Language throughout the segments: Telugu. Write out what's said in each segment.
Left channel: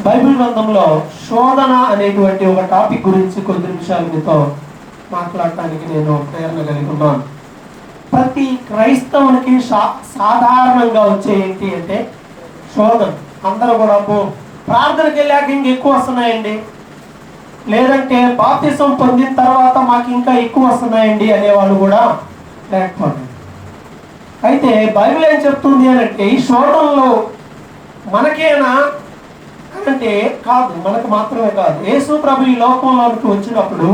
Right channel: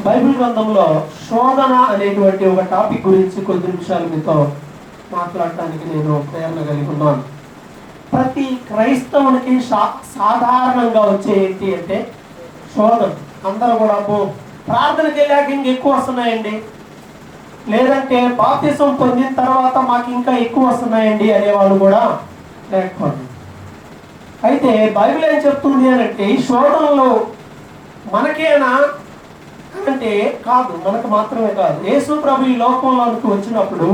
బైబిల్ గ్రంథంలో శోధన అనేటువంటి ఒక టాపిక్ గురించి కొద్ది నిమిషాలు మీతో మాట్లాడటానికి నేను ప్రేరణ కలిగి ఉన్నాను. ప్రతి క్రైస్తవునికి సాధారణంగా వచ్చే ఏంటి అంటే శోధన. అందరూ కూడా ప్రార్థనకి వెళ్ళాక ఇంకెక్కువ వస్తున్నాయండి, లేదంటే బాప్తిసం పొందిన తర్వాత మాకు ఇంకా ఎక్కువ వస్తున్నాయండి అనేవాళ్ళు కూడా లేకపోతే. అయితే బైబిల్ ఏం చెప్తుంది అని అంటే ఈ శోధనలో మనకేనా అంటే కాదు, మనకు మాత్రమే కాదు. యేసు ప్రభు ఈ లోకంలోనికి వచ్చినప్పుడు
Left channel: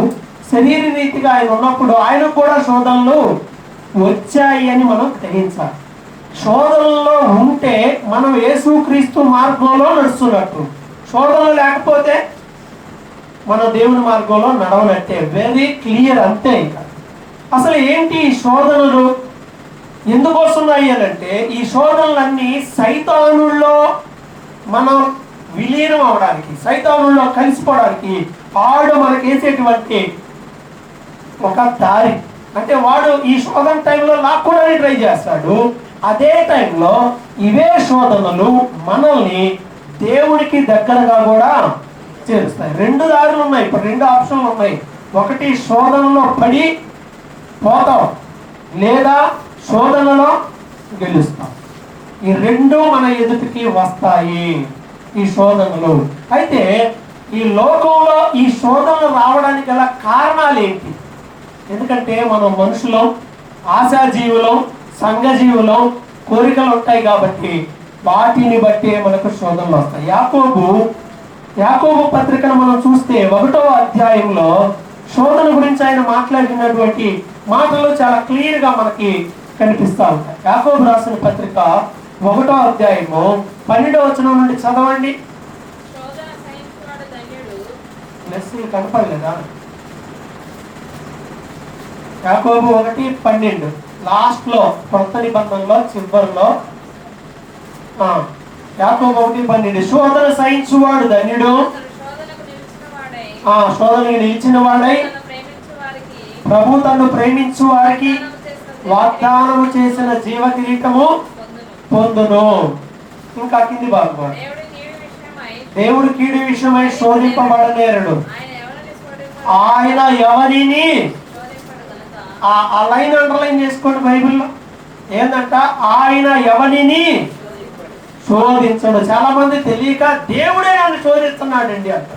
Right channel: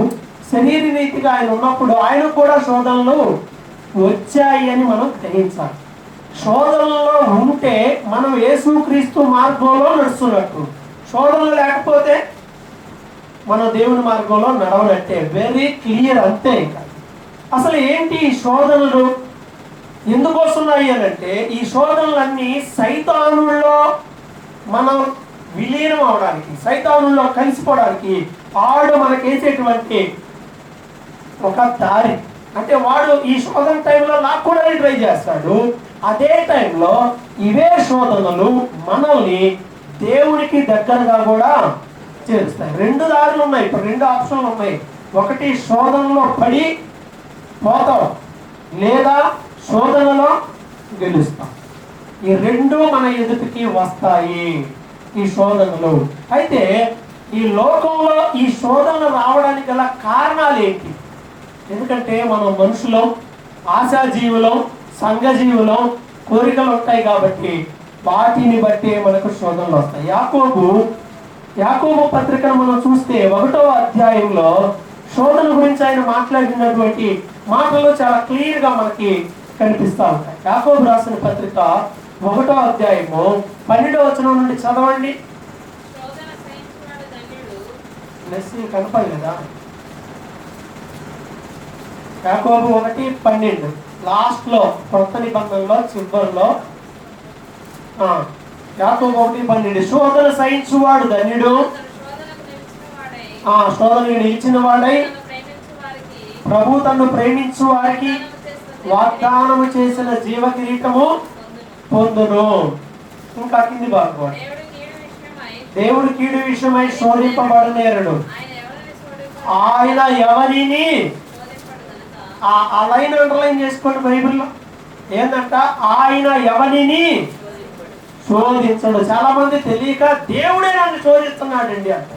శరీర రీతిగా ఆయన ఉన్నప్పుడు ఆయన కూడా శోధనలు వచ్చాయి అని మనం గ్రహించాలి. శోధనలో ఉంటే మనం యేసుక్రీస్తు మార్గంలో నడుస్తున్నట్టు, శోధనలు లేకపోతే మనం దేవుని మార్గంలో నడవనట్టే. వెరీ క్లియర్, అంతే. ఇంకా అసలు ఏంటి ఈ శోధనలు ఎందుకు వస్తున్నాయి అని అంటే ఈ శోధనలన్నీ సైతానుల్లో మనం విలీనం అవడానికి, సైతానుల్లో కలిసిపోవడానికి వాడు మనకి వేసేటువంటి ఒక దారి. అంటే వాడు ఈ శోధన టైంలో లాక్కోవడానికి ట్రై చేస్తాడు. అదే టైంలో ఇవే శోధనలు మనల్ని దేవునికి దగ్గరగా కూడా చేస్తాయి. రెండు దారులు ఉన్నాయి, ఇప్పుడు రెండు ఆప్షన్లు ఉన్నాయి. ఒకటి శోధనలో పడి పోతాం, లేదా శోధనలో గెలుస్తాం. ఈ రెండు మన ఎదుటికి వస్తాయి ఈ శోధనలు. అయితే ఈ లోకంలో ఈ శోధనలు రావడానికి గల కారణాలు ఏంటి? ఎందుకంటే మనం మనుషులం, ఆశాజీవులం, సంఘజీవులం, కోరికలు ఉంటాయి కాబట్టి వాటిని బట్టి మనకు శోధనలు వస్తాయి. యాకోబు పత్రికను మనం చూస్తే 1వ అధ్యాయంలో శోధన గురించి ఆయన మాట్లాడినటువంటి మాటలు చాలా క్లియర్ గా మనకి కనిపిస్తా ఉంటాయి. యాకోబు రాసిన పత్రిక 1వ అధ్యాయము 12వ వచనం నుండి చదవండి. కనపడలేదా? యాకోబు 1:12 లాస్ట్ లో, కొత్త నిబంధనలో చివరిలో యాకోబు 1:12 శోధన సహించువాడు ధన్యుడు, శోధనకు నిలిచిన వాడై ప్రభు తను ప్రేమించు వారికి వాగ్దానము చేసిన జీవ కిరీటము పొందును. ఇంకా కింది భాగం, దేవుడు కీడు విషయమై శోధింపబడనేరుడు, ఆయన ఎవరిని ఆ లైన్ అండర్లైన్ చేసుకోండి బైబిల్లో. ఏంటంట? ఆయన ఎవరిని శోధించడు. చాలా మంది తెలియక దేవుడే నన్ను శోధిస్తున్నాడండి అంట.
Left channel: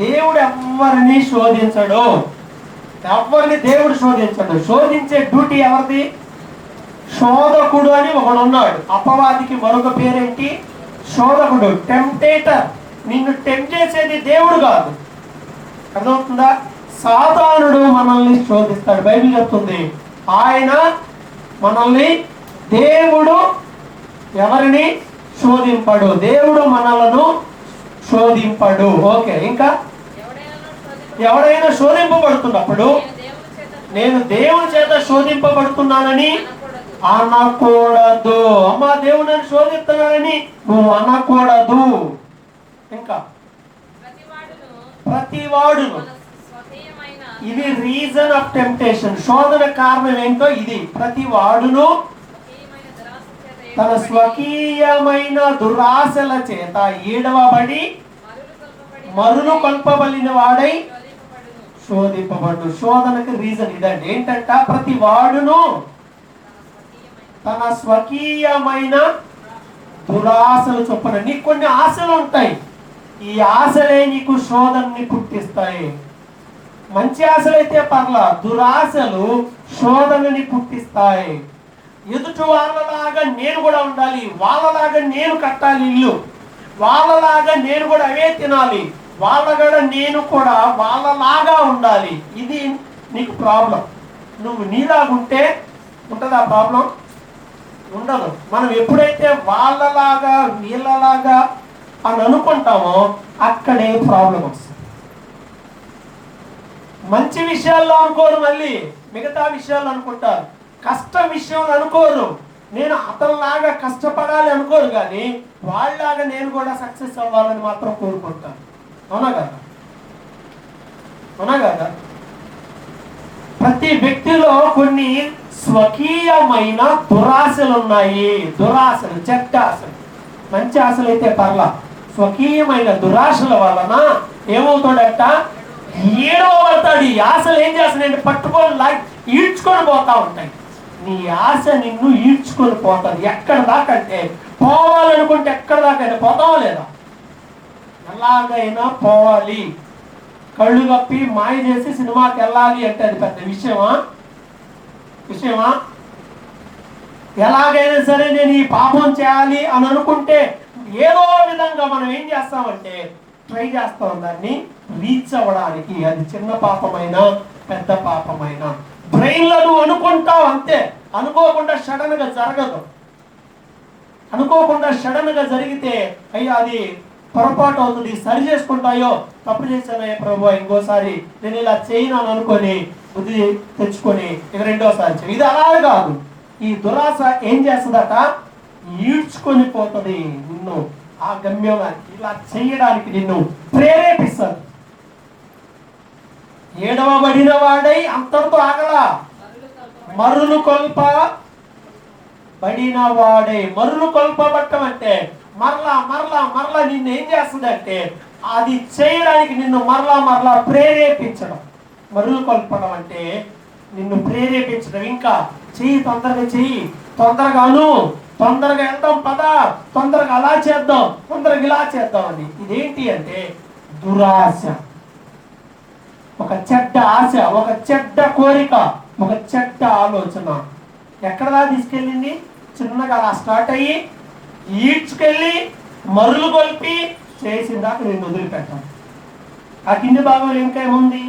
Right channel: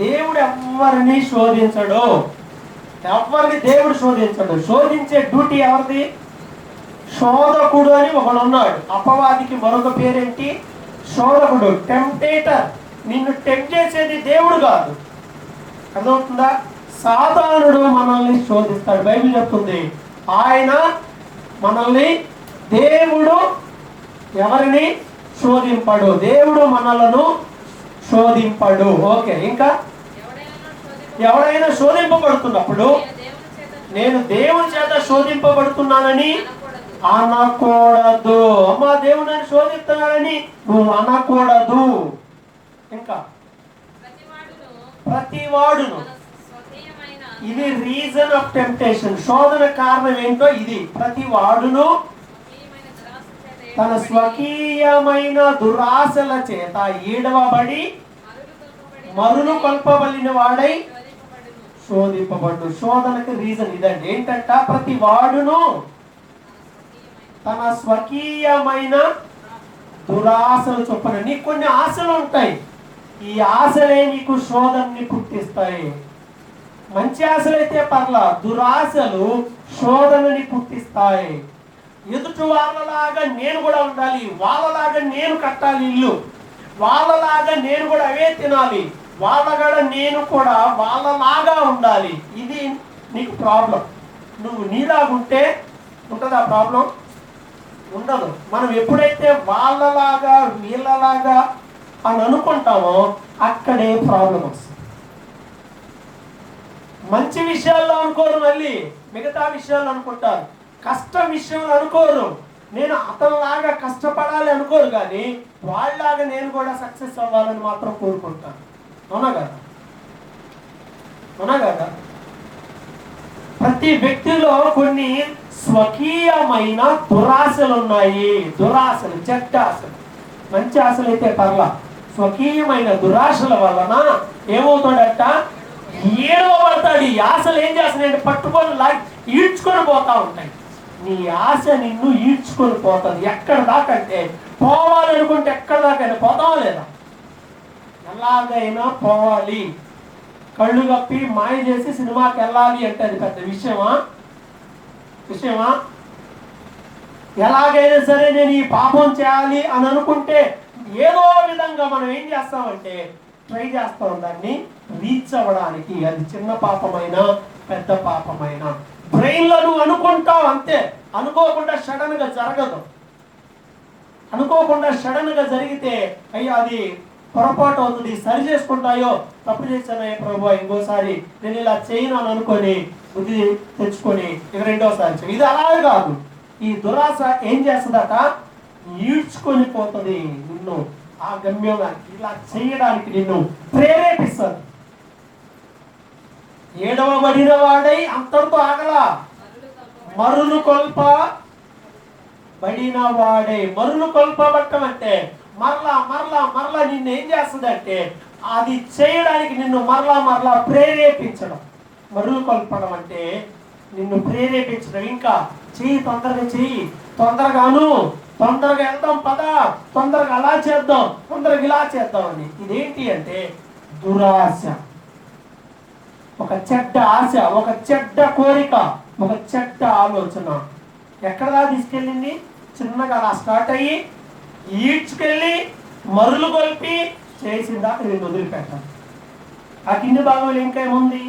దేవుడు ఎవరిని శోధించడు, ఎవరిని దేవుడు శోధించడు. శోధించే డ్యూటీ ఎవరిది? శోధకుడు అని ఒకడు ఉన్నాడు. అపవాదికి మరొక పేరేంటి? శోధకుడు, టెంప్టేటర్. నిన్ను టెంప్ట్ చేసేది దేవుడు కాదు, అర్థమవుతుందా? సాతానుడు మనల్ని శోధిస్తాడు. బైబిల్ చెప్తుంది ఆయన మనల్ని, దేవుడు ఎవరిని శోధింపడు, దేవుడు మనలను శోధింపడు. ఓకే, ఇంకా ఎవరైనా శోధింపబడుతున్నప్పుడు నేను దేవుని చేత శోధింపబడుతున్నానని అనకూడదు. అమ్మా దేవుని శోధిస్తున్నానని నువ్వు అనకూడదు. ఇంకా ప్రతివాడును, ఇది రీజన్ ఆఫ్ టెంప్టేషన్. శోధన కారణం ఏంటో ఇది. ప్రతి వాడును తన స్వకీయమైన దురాశల చేత ఈడవబడి మరులు కొల్పబడిన వాడై శోధింపబడు. శోధనకు రీజన్ ఇదండి. ఏంటంట? ప్రతి వాడును తన స్వకీయమైన దురాశలు చొప్పున. నీకు కొన్ని ఆశలు ఉంటాయి, ఈ ఆశలే నీకు శోధనని పుట్టిస్తాయి. మంచి ఆశలైతే పర్లా, దురాశలు శోధనని పుట్టిస్తాయి. ఎదుటి వాళ్ళలాగా నేను కూడా ఉండాలి, వాళ్ళలాగా నేను కట్టాలి ఇల్లు, వాళ్ళలాగా నేను కూడా అవే తినాలి, వాళ్ళగా నేను కూడా వాళ్ళలాగా ఉండాలి. ఇది నీకు ప్రాబ్లం. నువ్వు నీలాగుంటే ఉంటుందా ప్రాబ్లం? ఉండదు. మనం ఎప్పుడైతే వాళ్ళలాగా వీళ్ళలాగా అని అనుకుంటామో అక్కడే ప్రాబ్లం వస్తుంది. మంచి విషయాల్లో అనుకోరు, మళ్ళీ మిగతా విషయాలు అనుకుంటారు. కష్ట విషయాలు అనుకోరు, నేను అతనిలాగా కష్టపడాలి అనుకోరు, కానీ వాళ్ళలాగా నేను కూడా సక్సెస్ అవ్వాలని మాత్రం కోరుకుంటాను. అవునా కదా? అవునా కదా? ప్రతి వ్యక్తిలో కొన్ని స్వకీయమైన దురాశలు ఉన్నాయి. దురాశలు, చెడ్డ ఆశలు. మంచి ఆశలు అయితే పర్లా, స్వకీయమైన దురాశల వలన ఏమవుతాడట, ఏడవబడతాడు. ఈ ఆశలు ఏం చేస్తాయంటే పట్టుకొని ఈడ్చుకొని పోతా ఉంటాయి. నీ ఆశ నిన్ను ఈడ్చుకొని పోతుంది. ఎక్కడ దాకంటే పోవాలనుకుంటే ఎక్కడ దాకైనా పోతావా లేదా? ఎలాగైనా పోవాలి. కళ్ళు కప్పి మాయ చేసి సినిమాకి వెళ్ళాలి అంటే అది పెద్ద విషయమా? ఎలాగైనా సరే నేను ఈ పాపం చేయాలి అని అనుకుంటే ఏదో విధంగా మనం ఏం చేస్తామంటే ట్రై చేస్తాం దాన్ని రీచ్ అవ్వడానికి. అది చిన్న పాపమైనా పెద్ద పాపమైనా బ్రెయిన్లో నువ్వు అనుకుంటావు అంతే. అనుకోకుండా సడన్ గా జరగదు. అనుకోకుండా సడన్ గా జరిగితే అయ్యా అది పొరపాటు అవుతుంది, సరి చేసుకుంటాయో, తప్పు చేశానయ్యా ప్రభు ఇంకోసారి నేను ఇలా చేయను అని అనుకొని బుద్ధి తెచ్చుకొని ఇది రెండోసారి చేయి. ఇది అలా కాదు. ఈ దురాశ ఏం చేస్తుందట, ఈడ్చుకొని పోతుంది నిన్ను ఆ గమ్యానికి, ఇలా చేయడానికి నిన్ను ప్రేరేపిస్తుంది. ఏడవబడిన వాడై అంతటితో ఆగలా, మరులు కొల్పబడిన వాడే. మరులు కొల్పబట్టం అంటే మరలా మరలా మరలా నిన్ను ఏం చేస్తుందంటే అది చేయడానికి నిన్ను మరలా మరలా ప్రేరేపించడం. మరులు కొల్పడం అంటే నిన్ను ప్రేరేపించడం. ఇంకా చెయ్యి, తొందరగా చెయ్యి, తొందరగాను, తొందరగా వెళ్దాం పద, తొందరగా అలా చేద్దాం, తొందరగా ఇలా చేద్దాం అని. ఇదేంటి అంటే దురాశ. ఒక చెడ్డ ఆశ, ఒక చెడ్డ కోరిక, ఒక చెడ్డ ఆలోచన ఎక్కడదా తీసుకెళ్ళింది? చిన్నగా అలా స్టార్ట్ అయ్యి ఈడ్చుకెళ్ళి మరులు కొల్పి చేసిందాక నేను వదిలిపెట్టాను. ఆ కింది భాగంలో ఇంకేముంది?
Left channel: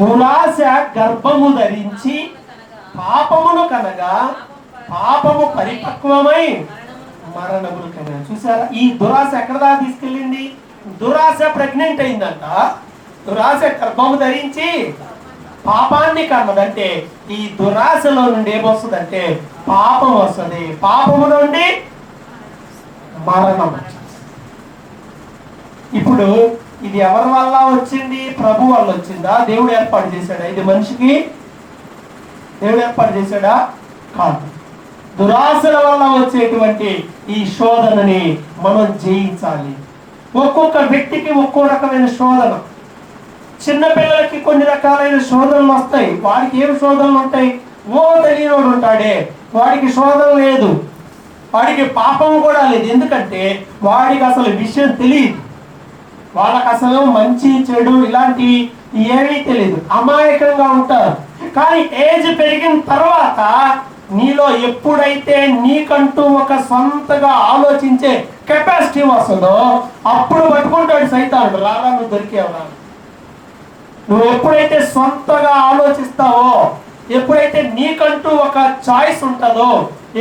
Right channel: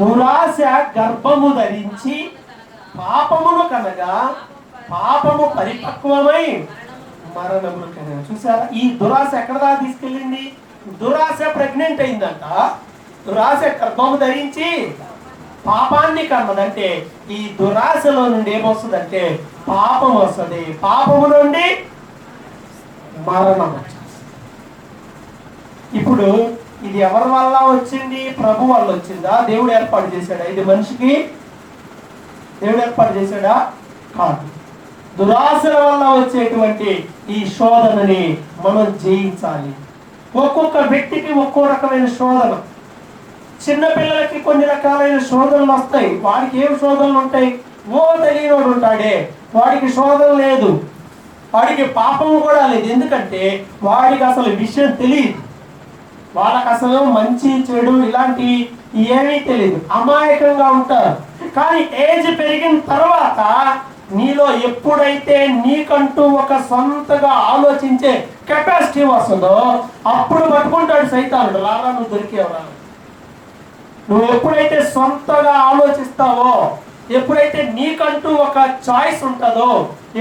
దురాశ గర్భము ధరించి పాపమును కనగా పాపము పరిపక్వమై మరణమును కనగా. చూసారా ఈ దురాశ ఎక్కడదా తీసుకెళ్ళింది? దురాశ ప్రెగ్నెంట్ అయిందంట. దురాశ గర్భము ధరించి పాపాన్ని కన్నదంటే ఈ దురాశలో నుండి ఏమొస్తుందంటే పాపం వస్తుంది. పాపము నుండి మరణం. ఇప్పుడు ఇది ఎవరి వల్ల వచ్చింది? ప్రభు వల్ల వచ్చిందా? దేవుడు ఏర్పాటు చేశాడా? ఇది మనిషికి దేవుడు ఏర్పాటు చేశాడా? కాదు. దురాశల వల్ల వచ్చేటువంటి ఈ శోధనని మనం జయించాలి. ఒక్కొక్క వ్యక్తికి ఒక్కో రకమైన శోధన. చిన్న పిల్లలకి కొన్ని రకాలైన శోధనలు వస్తాయి. వాడికి ఏం శోధనలు ఉంటాయి? ఓ తెలియనోడు ఉంటాడే, వాడికి శోధన లేదు, వాడికి పాపం కూడా లేదు. ఎందుకంటే వాడికి అసలు విషయం తెలియదు. వాళ్ళకి అసలు మంచి చెడు ఇలాంటివి ఏమీ తెలియదు, అమాయకంగా ఉంటారు. కానీ ఏజ్ పెరిగిన తర్వాత నీలో ఎప్పుడైతే నీకంటూ ఒక సొంతగా ఆలోచించే కెపాసిటీ వస్తుందో అప్పుడు పట్టుకుంటాడు సైతానుడు. లాలా నువ్వు దొరికేవరా. నువ్వు ఎప్పుడైతే సొంతగా ఆలోచిస్తావో, ఎప్పుడైతే నీకంటూ ఒక చాయిస్ ఉంటుందో,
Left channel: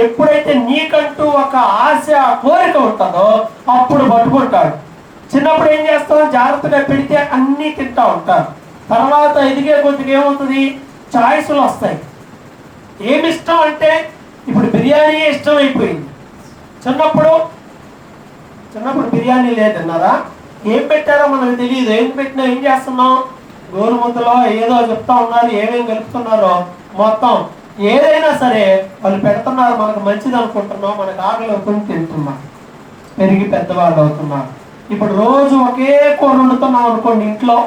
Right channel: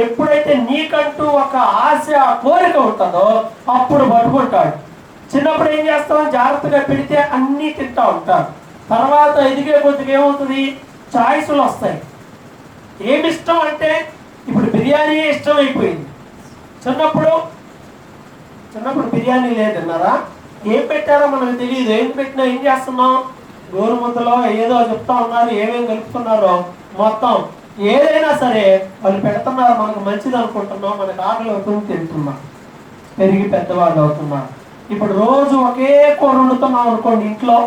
ఎప్పుడైతే నీకంటూ ఒక ఆశ కోరిక ఉంటుందో అప్పుడు పట్టుకుంటాడు. చిన్నప్పుడు ఏం చేస్తాం? జాగ్రత్తగా పెడితే అన్నీ తింటా ఉంటారు. తర్వాత ఎదిగే కొద్దిగా ఏమవుతుంది? చాయిస్లు వస్తాయి. ఏమి ఇష్టం అంటే ఇప్పుడు బిర్యానీ ఇష్టం అయిపోయింది. చిన్నప్పుడు బిర్యానీ లేదన్నారా? ఏం పెట్టారో మనకు తెలియదు. ఏం పెట్టినా ఏం చేస్తున్నాం? గోరు ముద్దలో ఏదో చెప్తా ఉన్నారు, ఏమేమి కలుపుతున్నారో మొత్తం ఏదైనా సరే వాళ్ళు పెడుతున్నారు. మనకు మంచిది అనుకుంటున్నాం, మనకు ఆకలి అవుతుంది, తింటున్నాం, పెరిగి పెద్దవాళ్ళు అవుతున్నారు. ఇప్పుడు రోజు ఒకే కూర వండుతున్నాం అనుకోండి, ఇంట్లో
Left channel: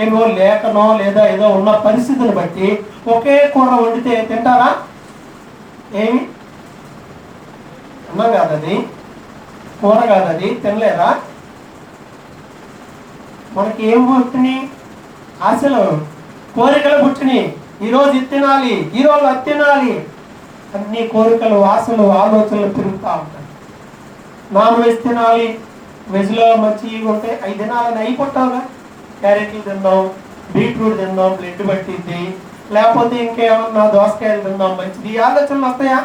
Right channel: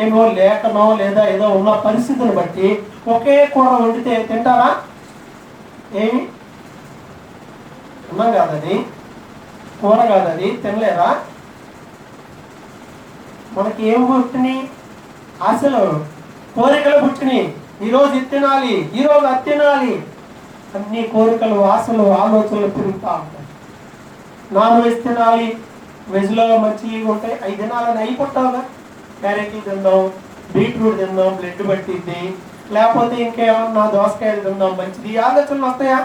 ఏమో లేకనో లేదా ఏదో ఉన్న పరిస్థితిని బట్టి ఒకే కూర వండితే తింటారా? ఏమి అన్నం కాదది, కూర కాదది, తినలేరా? మనకి ఏం పుట్టినాయి? ఆశలు, కోరికలు పుట్టినాయి. ఈరోజు ఇది తినాలి, ఈరోజు అది తినాలి, అన్ని కోరికలు, ఆశలు, ఆలోచనలు తిరుగుతూ ఉంటాయి. నాన్ వెజ్ తినాలి, వెజ్లో మంచివి ఉంటాయి, అవి తినాలని అయిపోతావుగా. క్యారెట్లు తిందాం, బీట్రూట్ తిందాం, బ్లడ్ పట్టింది, లేకపోతే ఇంకేమన్నా దోసకాయలు తిందాం మంచిది, ఈ ఆలోచనలు వస్తాయా?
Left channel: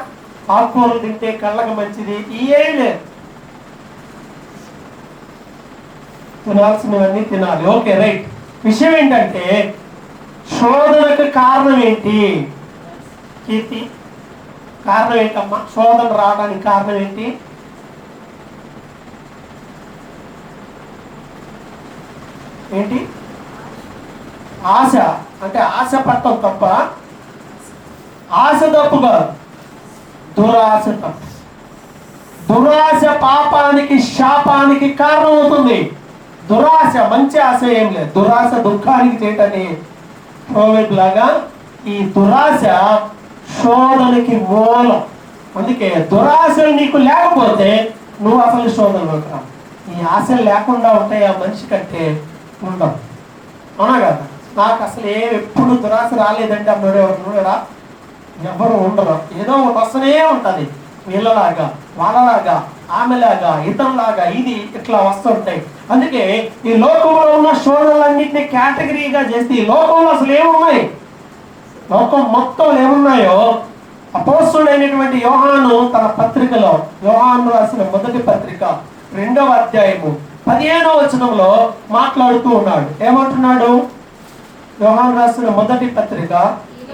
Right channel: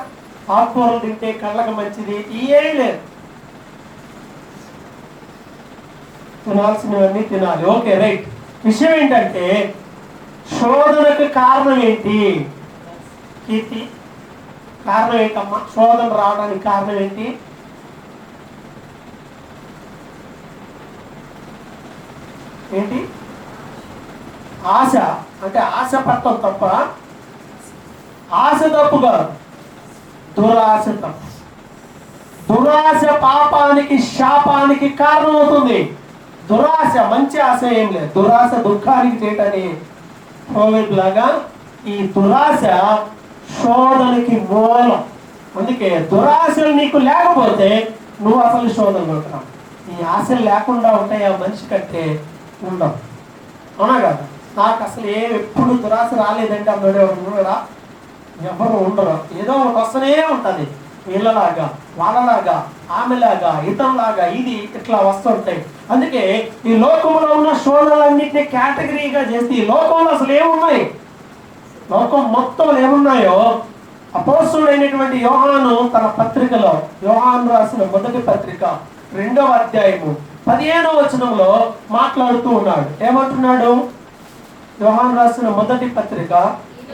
ఆకుకూరలు తింటే కళ్ళకు మంచిది, ఏం లేదు. తినాల్సినవన్నీ తినాలి. Okay, right. విషయం ఏంటంటే శోధనకు కారణం ఏంటి? కీర్తి, కారణం ఏంటమ్మా? శోధన రావడానికి కారణం ఏంటి? ఏంటి? ఆశ. అంటే ఆశ పట్టం తప్ప, ఆశ తప్పు కాదు, దురాశ తప్పు. దురాశ పాపానికి, శాపానికి కారణమవుతుంది. దురాశ, మంచి ఆశ ఏం లేదు. దురాశ దుఃఖానికి చేయటని ప్రోవెబ్ లాగా ఈ దురాశ శోధనకి మూలం. అందుకే దురాశలు నీకు లేకపోతే నువ్వు అసలు శోధనలోకి రా. ఈ ఆశలు లేకుండా ఉంటాయి ఆ మనిషి కంటే ఉండవు. అవునా కదా? నాకు అసలు ఎప్పుడు దురాశ రాలేదంటే అన్నాడు ఎవరు కదా? ఎవరు ఉండరు. ఏదో ఒకటి వస్తూనే ఉంటుంది. వీళ్ళలాగా, వాళ్ళలాగా, ఆమెలాగా, ఇతరులాగా, ఇది ఇట్లా వస్తుంటాయి. అందుకే ఈ లోకంలో ఉన్న శోధనలన్నింటినీ కేటగిరీగా చేస్తే ఈ లోకంలో అసలు ఏమున్నాయి, లోకం మొత్తం ఏమున్నాయో అపోస్తలుడైనటువంటి యోహాను తన పత్రికలో, యోహాను రాసిన మొదటి పత్రిక 2వ అధ్యాయము 15వ వచనంలో మాట్లాడుతూ ఉన్నాడు. ఏమంటున్నాడు? యోహాను రాసిన మొదటి పత్రిక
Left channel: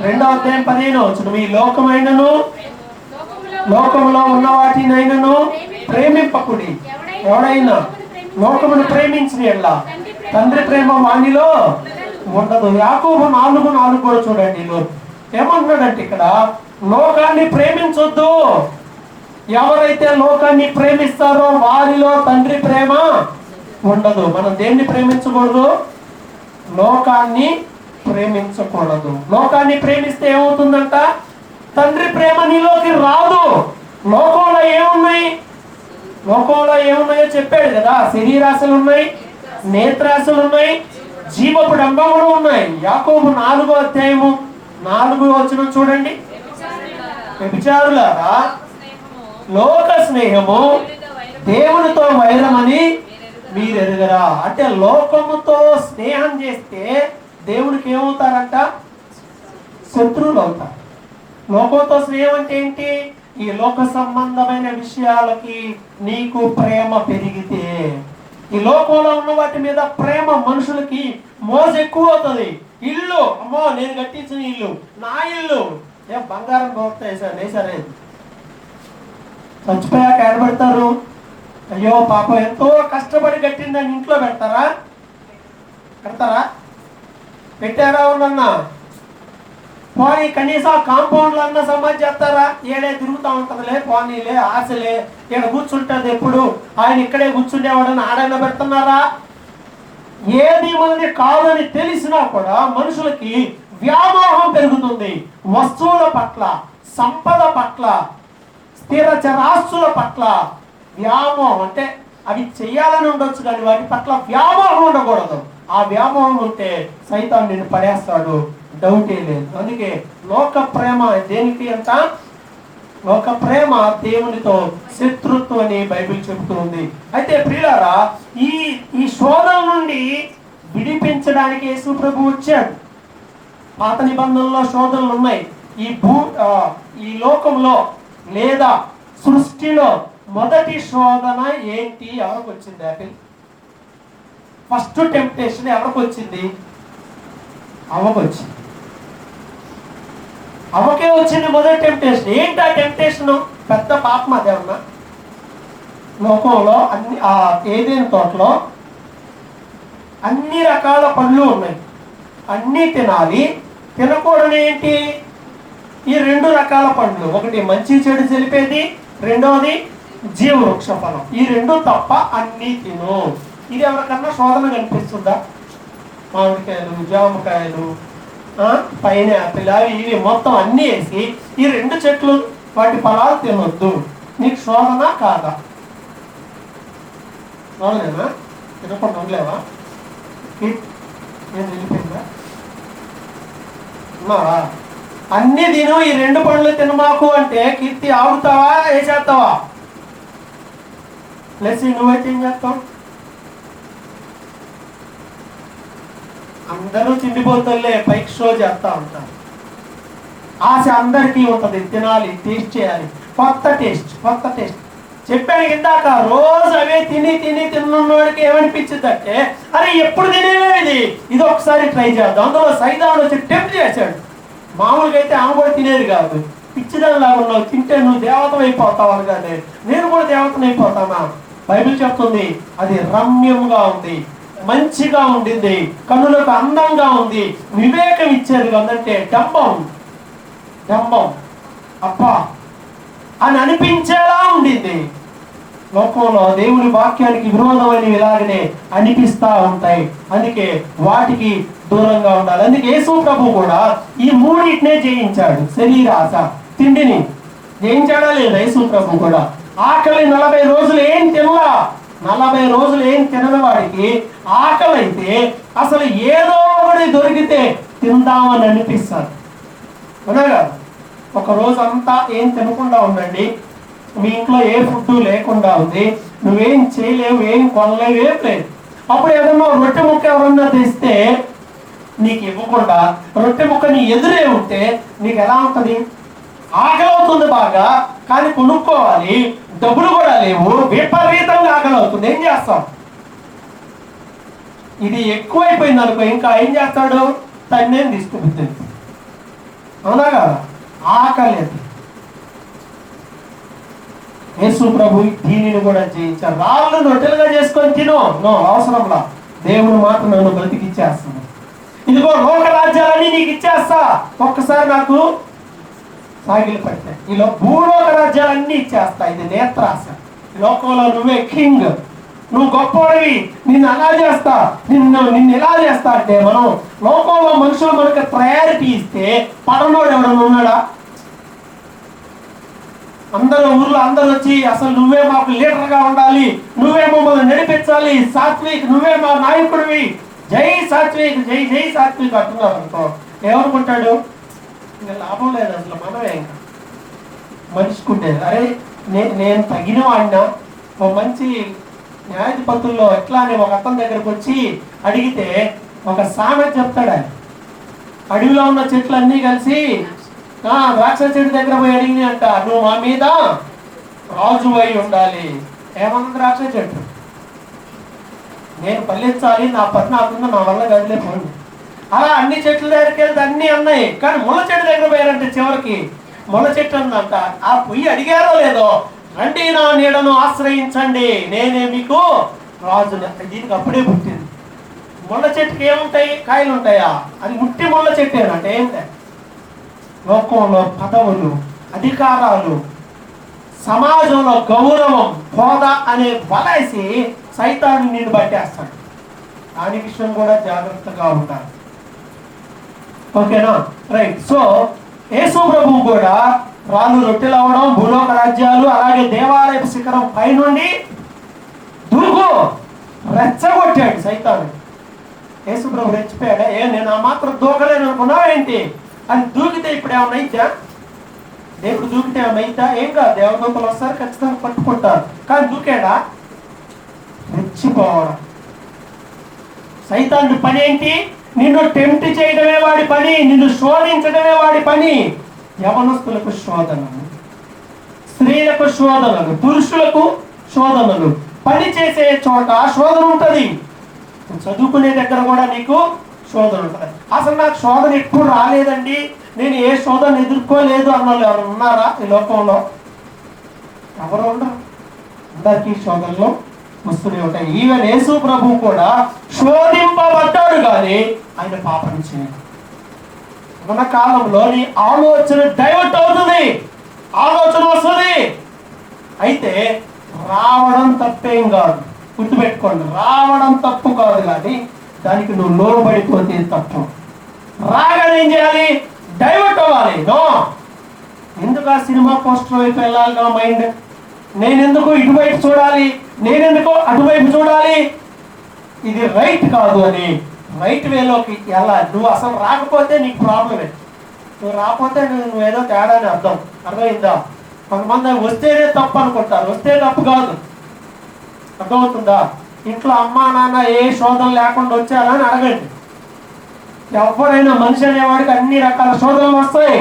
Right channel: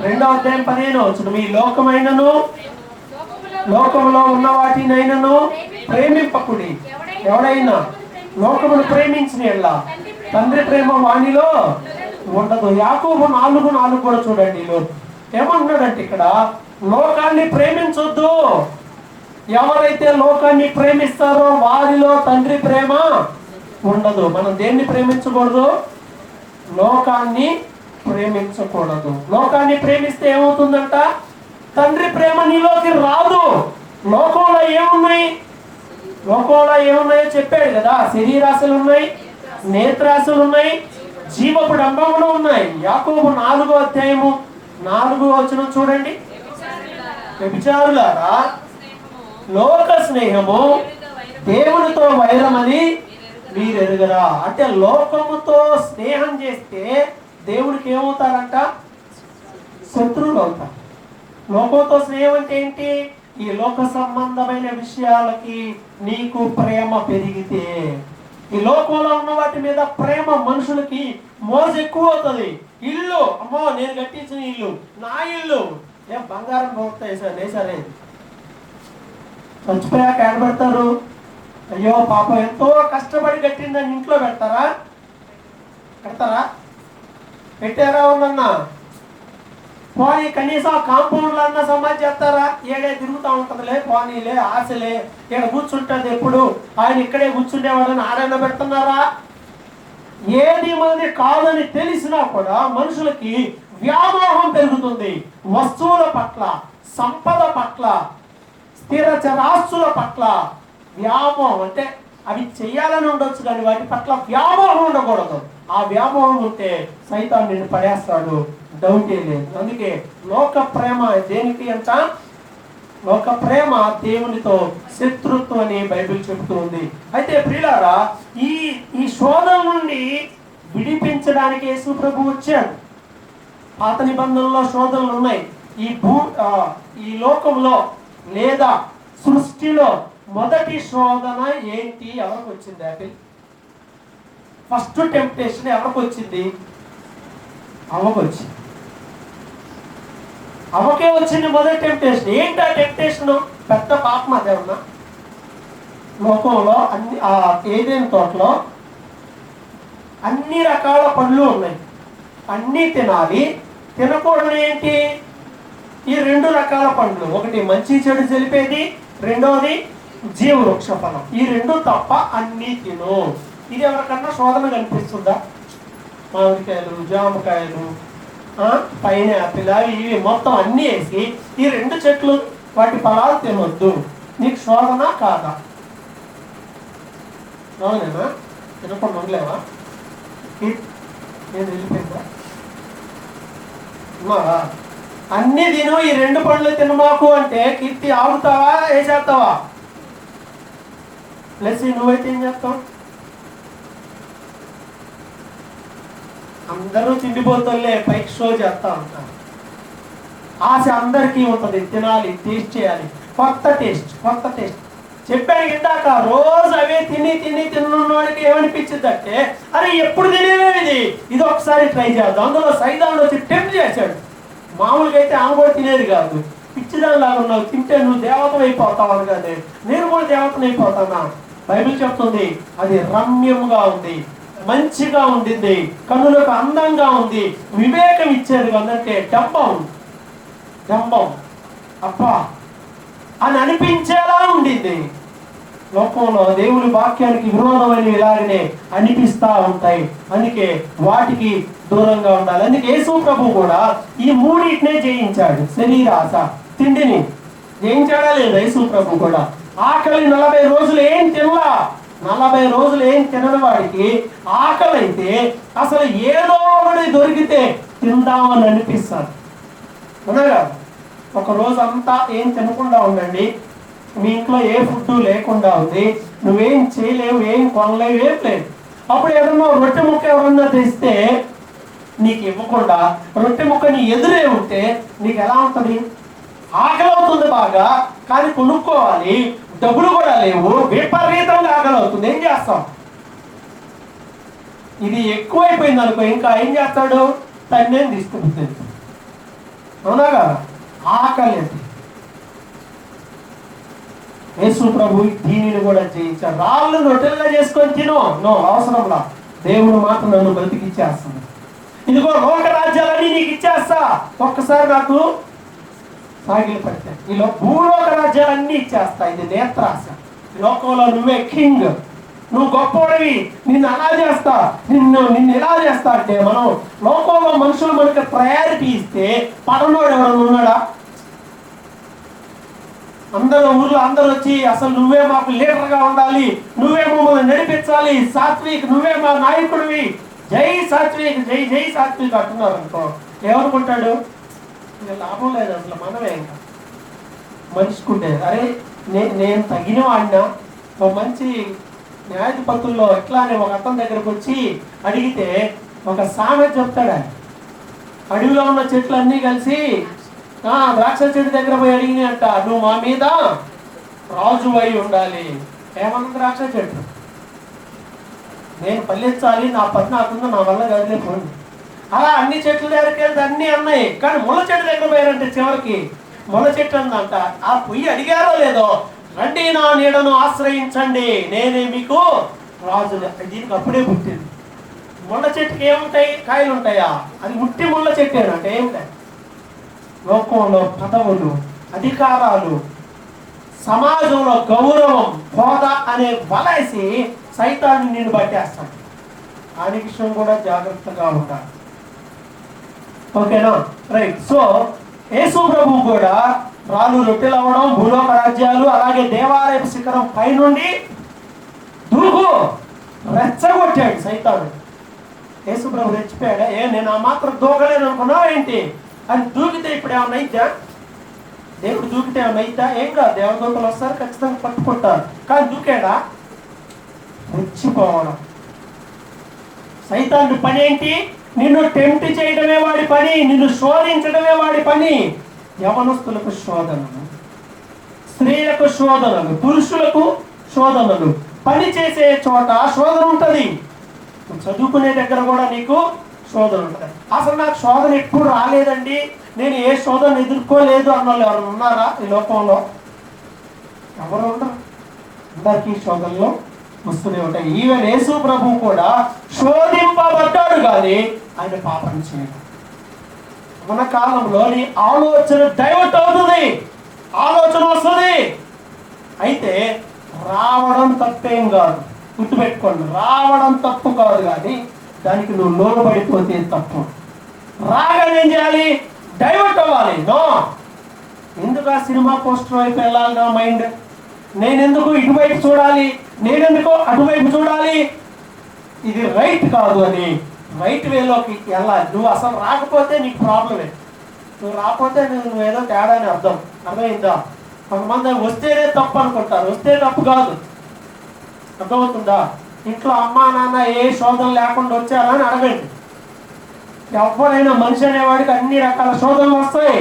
2వ అధ్యాయం 15వ వచనం, ఈ లోకమైనను లోకములో ఉన్న వాటినైనను ప్రేమింపకుడి. ఎవడైనా లోకమును ప్రేమించిన ఎడల తండ్రి ప్రేమ వానిలో ఉండదు. యాకోబు 4:4 కూడా చూడండి. ఏమంటున్నాడంటే ఇక్కడ లోకాన్ని ప్రేమించొద్దు. ఎవరైతే లోకాన్ని ప్రేమిస్తారో వారిలో తండ్రి ప్రేమ ఉండదు. మనం దేన్ని ప్రేమించకూడదు? లోకాన్ని ప్రేమించకూడదు. లోకాన్ని ప్రేమిస్తే ఏమవుతుందంట? తండ్రి ప్రేమ నీలోకి రాదు. లోకంలో ఏమున్నాయి? లోకంలో ఏమున్నాయో చెప్పాడు కదా. శరీరాశలు ఉన్నాయి, నేత్రాశలు ఉన్నాయి, జీవపు డంబములు ఉన్నాయి. యాకోబు 4వ అధ్యాయము 4వ వచనం చూడండి. వ్యభిచారులారా, లోక స్నేహము దేవునితో వైరమని మీరెరుగరా. అంటే లోకముతో స్నేహం చేస్తే దేవునికి ఏమవుతారంట? శత్రువులు అవుతారు. లోకంతో స్నేహం అంటే ఏంటి? ఈ లోక సంబంధమైన విషయాలకి నీకు ప్రేమ పెరిగితే, ఈ లోకంలో ఉన్న వాటి మీద ప్రేమ మనుషులకి మోజు ఎక్కువ అవుతుంది. ఇల్లు, అమ్మో నేను కట్టించిన ఇల్లు, నా ఇల్లు, ఏం బంగారం పోతాయి సార్ వేసారే. చచ్చిపోయాక ఏడబెడతారు. అయ్యో పాపం ఎంతో కష్టపడి కట్టిందని ఇంట్లో పెడతారా? పెట్టారా? ఉన్నన్నా పోనీ కనీసం కాంపౌండ్లో అన్న సమాజ్ చేస్తారా? ఏడే తిరుగుతూ ఉంటుందిలే, పోనీలే, ఆశలే, ఇక్కడ కూర్చుంటుంది ఎప్పుడు, ఆయన ఇక్కడే కూర్చుండేవాడని ఆడైనా పెడుతున్నారా? ఏది మనది కాదని తెలిసినా కూడా మనుషులకి వ్యామోహం పెరుగుతుంది. వస్తువుల పట్ల, సంపద పట్ల, స్థిర చరాస్తుల పట్ల వ్యామోహం. అంటే అవి చెయ్యాలని ఉండొచ్చు కానీ వాటి పట్ల వ్యామోహం ఉండకూడదు. ఆ వ్యామోహం ఉంటే సైతాన్ నిన్ను పడేస్తాడు, డౌటే లేదు. అందుకే లోక ప్రేమ దేనికి అంత? లోక ప్రేమ దేవునితో శత్రుత్వం అని బైబిల్ చెబుతుంది. అయితే ప్రియులారా, ఈ శోధన నుండి విడిపించడానికి యేసు ప్రభు వచ్చాడు. పాత నిబంధనలో శోధనలు ఉన్నాయి. ఈ లోకంలో లేదా సృష్టిలో మొదటి శోధన ఏంటి? ఎవరికి వచ్చింది? యాపిల్ ఫస్ట్ టెంప్టేషన్ ఎవరికి వచ్చింది? అవ్వకు వచ్చింది. అవ్వకే వచ్చింది మొదటి టెంప్టేషన్. ఏంటి ఆ టెంప్టేషన్? పెద్ద పాపం అదేమన్నా? లోకంలో అన్ని ఏదైనా తోటలో అన్ని రకాల పండ్లు ఉన్నాయి, అన్నీ తినాలి. తినకూడని ఏంటి? ఈ 2 రకాల పండ్లు. ఒకటి మంచి చెడు తెలిపేది, రెండోది జీవవృక్ష ఫలం. ఈ 2 తప్ప అన్నీ తిను. ఇది ఎవరికన్నా శోధన కనిపిస్తుందా? మామిడికాయలు, జామకాయలు, పైనాపిల్, ఇవి మొత్తం అన్నీ వేసి ఈ 2 చెట్లు వాటి ఫలాలు తినొద్దు. నీకు శోధన కాదా? శోధనేనా? తినకుండా ఉండలేవా? నేను వెళ్ళిపోయిందా? ఉన్నావా? అన్ని తిను, ఈ 2 పండ్లు తినమాకు అంటే కీర్తి ఆగుతావా? ఏ చేస్తావా? ప్లస్ నువ్వైతే ఏం చేస్తావు? అందరూ తిండిపోతలే పైకి షో చేస్తా ఉంటారు. ఆశ అందరికీ ఉంటుంది, తినాలి, టేస్ట్ చేయాలి, కొత్త టేస్ట్. చెప్పాను ఇందాక, రోజు అవే తిన్నవాడికి ఏమనిపించింది అంటే, అరే ఎప్పుడు తినేవి ఇది ఒకసారి ట్రై చేద్దాం. అందులో సైదాన్ వచ్చి టెంప్ట్ చేశాడు. మామూలుగా అయితే ఆమె కూడా తినేది కాదు. పిచ్చిదానిలాగా ఉన్నావు, తింటే నువ్వు దేవతం అయిపోతావు అనగానే నేను కూడా దేవతం అయిపోతానా? బైబిల్ చెప్తుంది అది రమ్యంగా ఉంది, మంచిగా ఉండింది, కన్నులకు అందంగా ఉంది, వివేకం ఇచ్చేది. అంటే డంబం అబ్బా అని అనిపించేలా ఉండింది. లోకంలో దేవుని వాక్యానికి విరోధమైనవి ఇలాగనే అనిపిస్తా ఉంటాయి. అందుకే వాటికి దూరంగా ఉండాలి. అందుకే యేసు ప్రభు కూడా ఈ మూడింటినే జయించాడు. శరీరాశ, తిండిని జయించాడా లేదా? యేసు ప్రభు కూడా ఆకలి 40 రోజులు ఏం తినలా. 40 రోజులు ఏం తినని వాడికి ఆకలి అయితే అసలు ఏదో ఒకటి దొరికితే తిందామని అనిపిస్తారు. అవునా? ఒక రోజు అంతా ఏం తినకుండా ఉండండి, మీ ఇంట్లో ఏ ఫుడ్ లేకుండా ఉంది, నువ్వేం చేయలేవు, ఏం కొనలేవు, ఏం లేదు. అప్పుడు ఏదన్నా రొట్టె ముక్క ఎవరన్నా తెస్తే నీకు ఇవ్వకుండా రొట్టె ముక్క నీ ఎదురే ఉంటే నీకు ఎలా ఉంటుంది? ఆకలి అవుతుంది బాగా, కానీ కొనుక్కోవాలి, డబ్బులు కూడా లేవు, విపరీతంగా ఆకలి అవుతుంది. ఏం చేస్తాం? ఇది ఎక్కువైపోయింది అనుకో, ఇంకా ఏం చేస్తాడు? తన్నేం తీసుకుంటుంది. అవునా? ఆకలి అది. యేసు ప్రభు దీనిని కూడా జయించారు. రాళ్ళు రొట్టెలుగా చేసుకొని తిను, అవసరంలా. దేవుని మాట నన్ను బ్రతికిచ్చేస్తుంది. ఇదిగో లోక రాజ్యాలన్నీ నీకు ఇచ్చేస్తా, ఒక్కసారి నాకు సాగిలు పెట్టాయి. ఈలో భూలోక రాజ్యాలన్నీ ఇచ్చేస్తా. ఇది నేత్రాశ. ఈ లోకంలో నువ్వే కింగ్, నువ్వు గొప్పవాడివి, నిన్ను అలా చేస్తా, నిన్ను ఎలా చేస్తా అంటే, మనం లోకంలో మనుషులు మనకి ప్రయారిటీ ఇస్తే పడనోడు ఎవరైనా ఉన్నాడా? అందరూ ఊర్లో అందరూ వచ్చి అసలు నువ్వే మాకు లీడర్గా ఉండాలి, నువ్వే మమ్మల్ని నడిపించాలి, సాత్విక్ నువ్వే మా నాయకుడివి, జై సాత్విక్, జై జై సాత్విక్ అంటున్నారు అనుకో, ఏమనుకుంటాడు? ఇంకా లాభం లేదు అసలు. మనమే ఇంకా మనిషికుంటేది. అరే నేను తగిన వాడినా. ఒక మంచి న్యాయాధిపతుల్లో ఎట్లానే ఒక అతని దగ్గరకు వచ్చి అడిగితే ఒక సామెత చెప్తాడు. అడవిలో ఉన్న చెట్లు అన్నీ కలిసి ద్రాక్ష చెట్టు దగ్గర పోయి అడిగింది అంట, నువ్వు మా మీద రాజు అయి ఉండాలి. ఏమన్నా ద్రాక్ష చెట్టు నేను పల్లించాలి, నా పని నాకుంది, నా వల్ల గదిలేపోండి. అలా అన్ని చెట్ల దగ్గరికి వెళ్తే అన్ని అన్నాయి, కానీ ముళ్ళ చెట్టు దగ్గర పోయారంటే చివరికి ముళ్ళ చెట్టు అందంట. ఆ పొయ్యి అడిగారో లేదో, రండి నా నీడను ఆశ్రయించండి, నేనే మీకు రాజు. దీనికి అప్పుడే పుట్టింది. ముళ్ళ చెట్టుకి ఏముంటాయి? కాయలు ఉంటాయా? అది ముట్టి ముళ్ళ చెట్టు అంటే ఏంటంటే, లోకంలో పదవులు, అధికారాలు, సమాజంలో గౌరవం, హోదా అనే వలేసి సైతాన్ని నేను పట్టేస్తాడు. దాని విషయం కూడా జాగ్రత్తగా ఉంటారు. ఓకేనా? రైట్. సో యేసు ప్రభు కూడా రాళ్ళు రొట్టెలు అవ్వడం, భూలోక రాజ్యాలు, అలాగే దేవాలయ శిఖరం పైనుండి దూకు రెచ్చగొట్టాడు సైతాను. యేసు ప్రభు రెచ్చిపోయాడా? నేను ఆ మాత్రం దూకలేను అనుకున్నావా ఏంటి? అది దూకితే ఇప్పుడు ఏమన్నా అయితే, దేవుడు దూకితే ఏమన్నా అయితా? ఏం కాదు, దేవదూతలు వస్తారు, ఖచ్చితంగా పట్టుకుంటారు. కానీ దూకాడా? రెచ్చిపోవడం. సైతాను పని ఏంటి? నిన్ను టెంప్ట్ చేయడమే వాడి పని, నిన్ను శోధించడమే వాడి పని. యవనస్తులకు శోధనలు, స్త్రీలకు శోధనలు, పురుషులకు శోధనలు. పని చేసే చోట శోధన ఉంటుంది, చదువుకునే దగ్గర కూడా నీకు శోధన ఉంటుంది. అసలు నాకు శోధన ఎప్పుడు రాలేదండి, నేను ఏ శోధన ఎదుర్కోలేదు అన్న వాళ్ళు ఎవరు ఉన్నారా ఈ లోకంలో? ఎవరు ఉండరు. అందరికీ శోధనలు వస్తూనే ఉంటాయి. ఈవెన్ యేసు ప్రభు కూడా శోధింపబడ్డాడు, కానీ ఆయన పాపం చేయడు. మన కాలంలో నీ ఆలోచన డైవర్ట్ అవుతుంది, ఆలోచన వస్తుంది. అయితే రావడం తప్పేం కాదు, గుర్తుపెట్టుకోండి. రావడం తప్పు కాదు, కానీ దానికి నువ్వు లోబడిపోతే తప్పు. రాగానే ఏం చేయాలి? డైవర్ట్ అవ్వాలి. నో, ఎందుకు ఆ సినిమా పోస్టర్ వైపు వెళ్ళాలి నా మైండ్? నేనెందుకు ఇటువైపు చూడాలి, నేనెందుకు అటువైపు చూడాలి? ఇది రైట్ కాదు అని రైట్ వేలోకి వెళ్ళాలి. నువ్వు అసలు రాకపోతే నీకు ప్రాబ్లమే. నువ్వు రాకపోతే నువ్వేదో తేడా అని అర్థమైందా? కొంతమంది వస్తేనే తప్పు అనుకుంటారు, వస్తే తప్పు కాదు. అర్థమవుతుందా? ఇంట్లో అమ్మా నాన్న ఏ శోధన లేకుండా వచ్చారా అని అడగండి. ఎవరైనా మనిషి అనేవాడికి అన్ని రకాల శోధనలు వస్తాయి,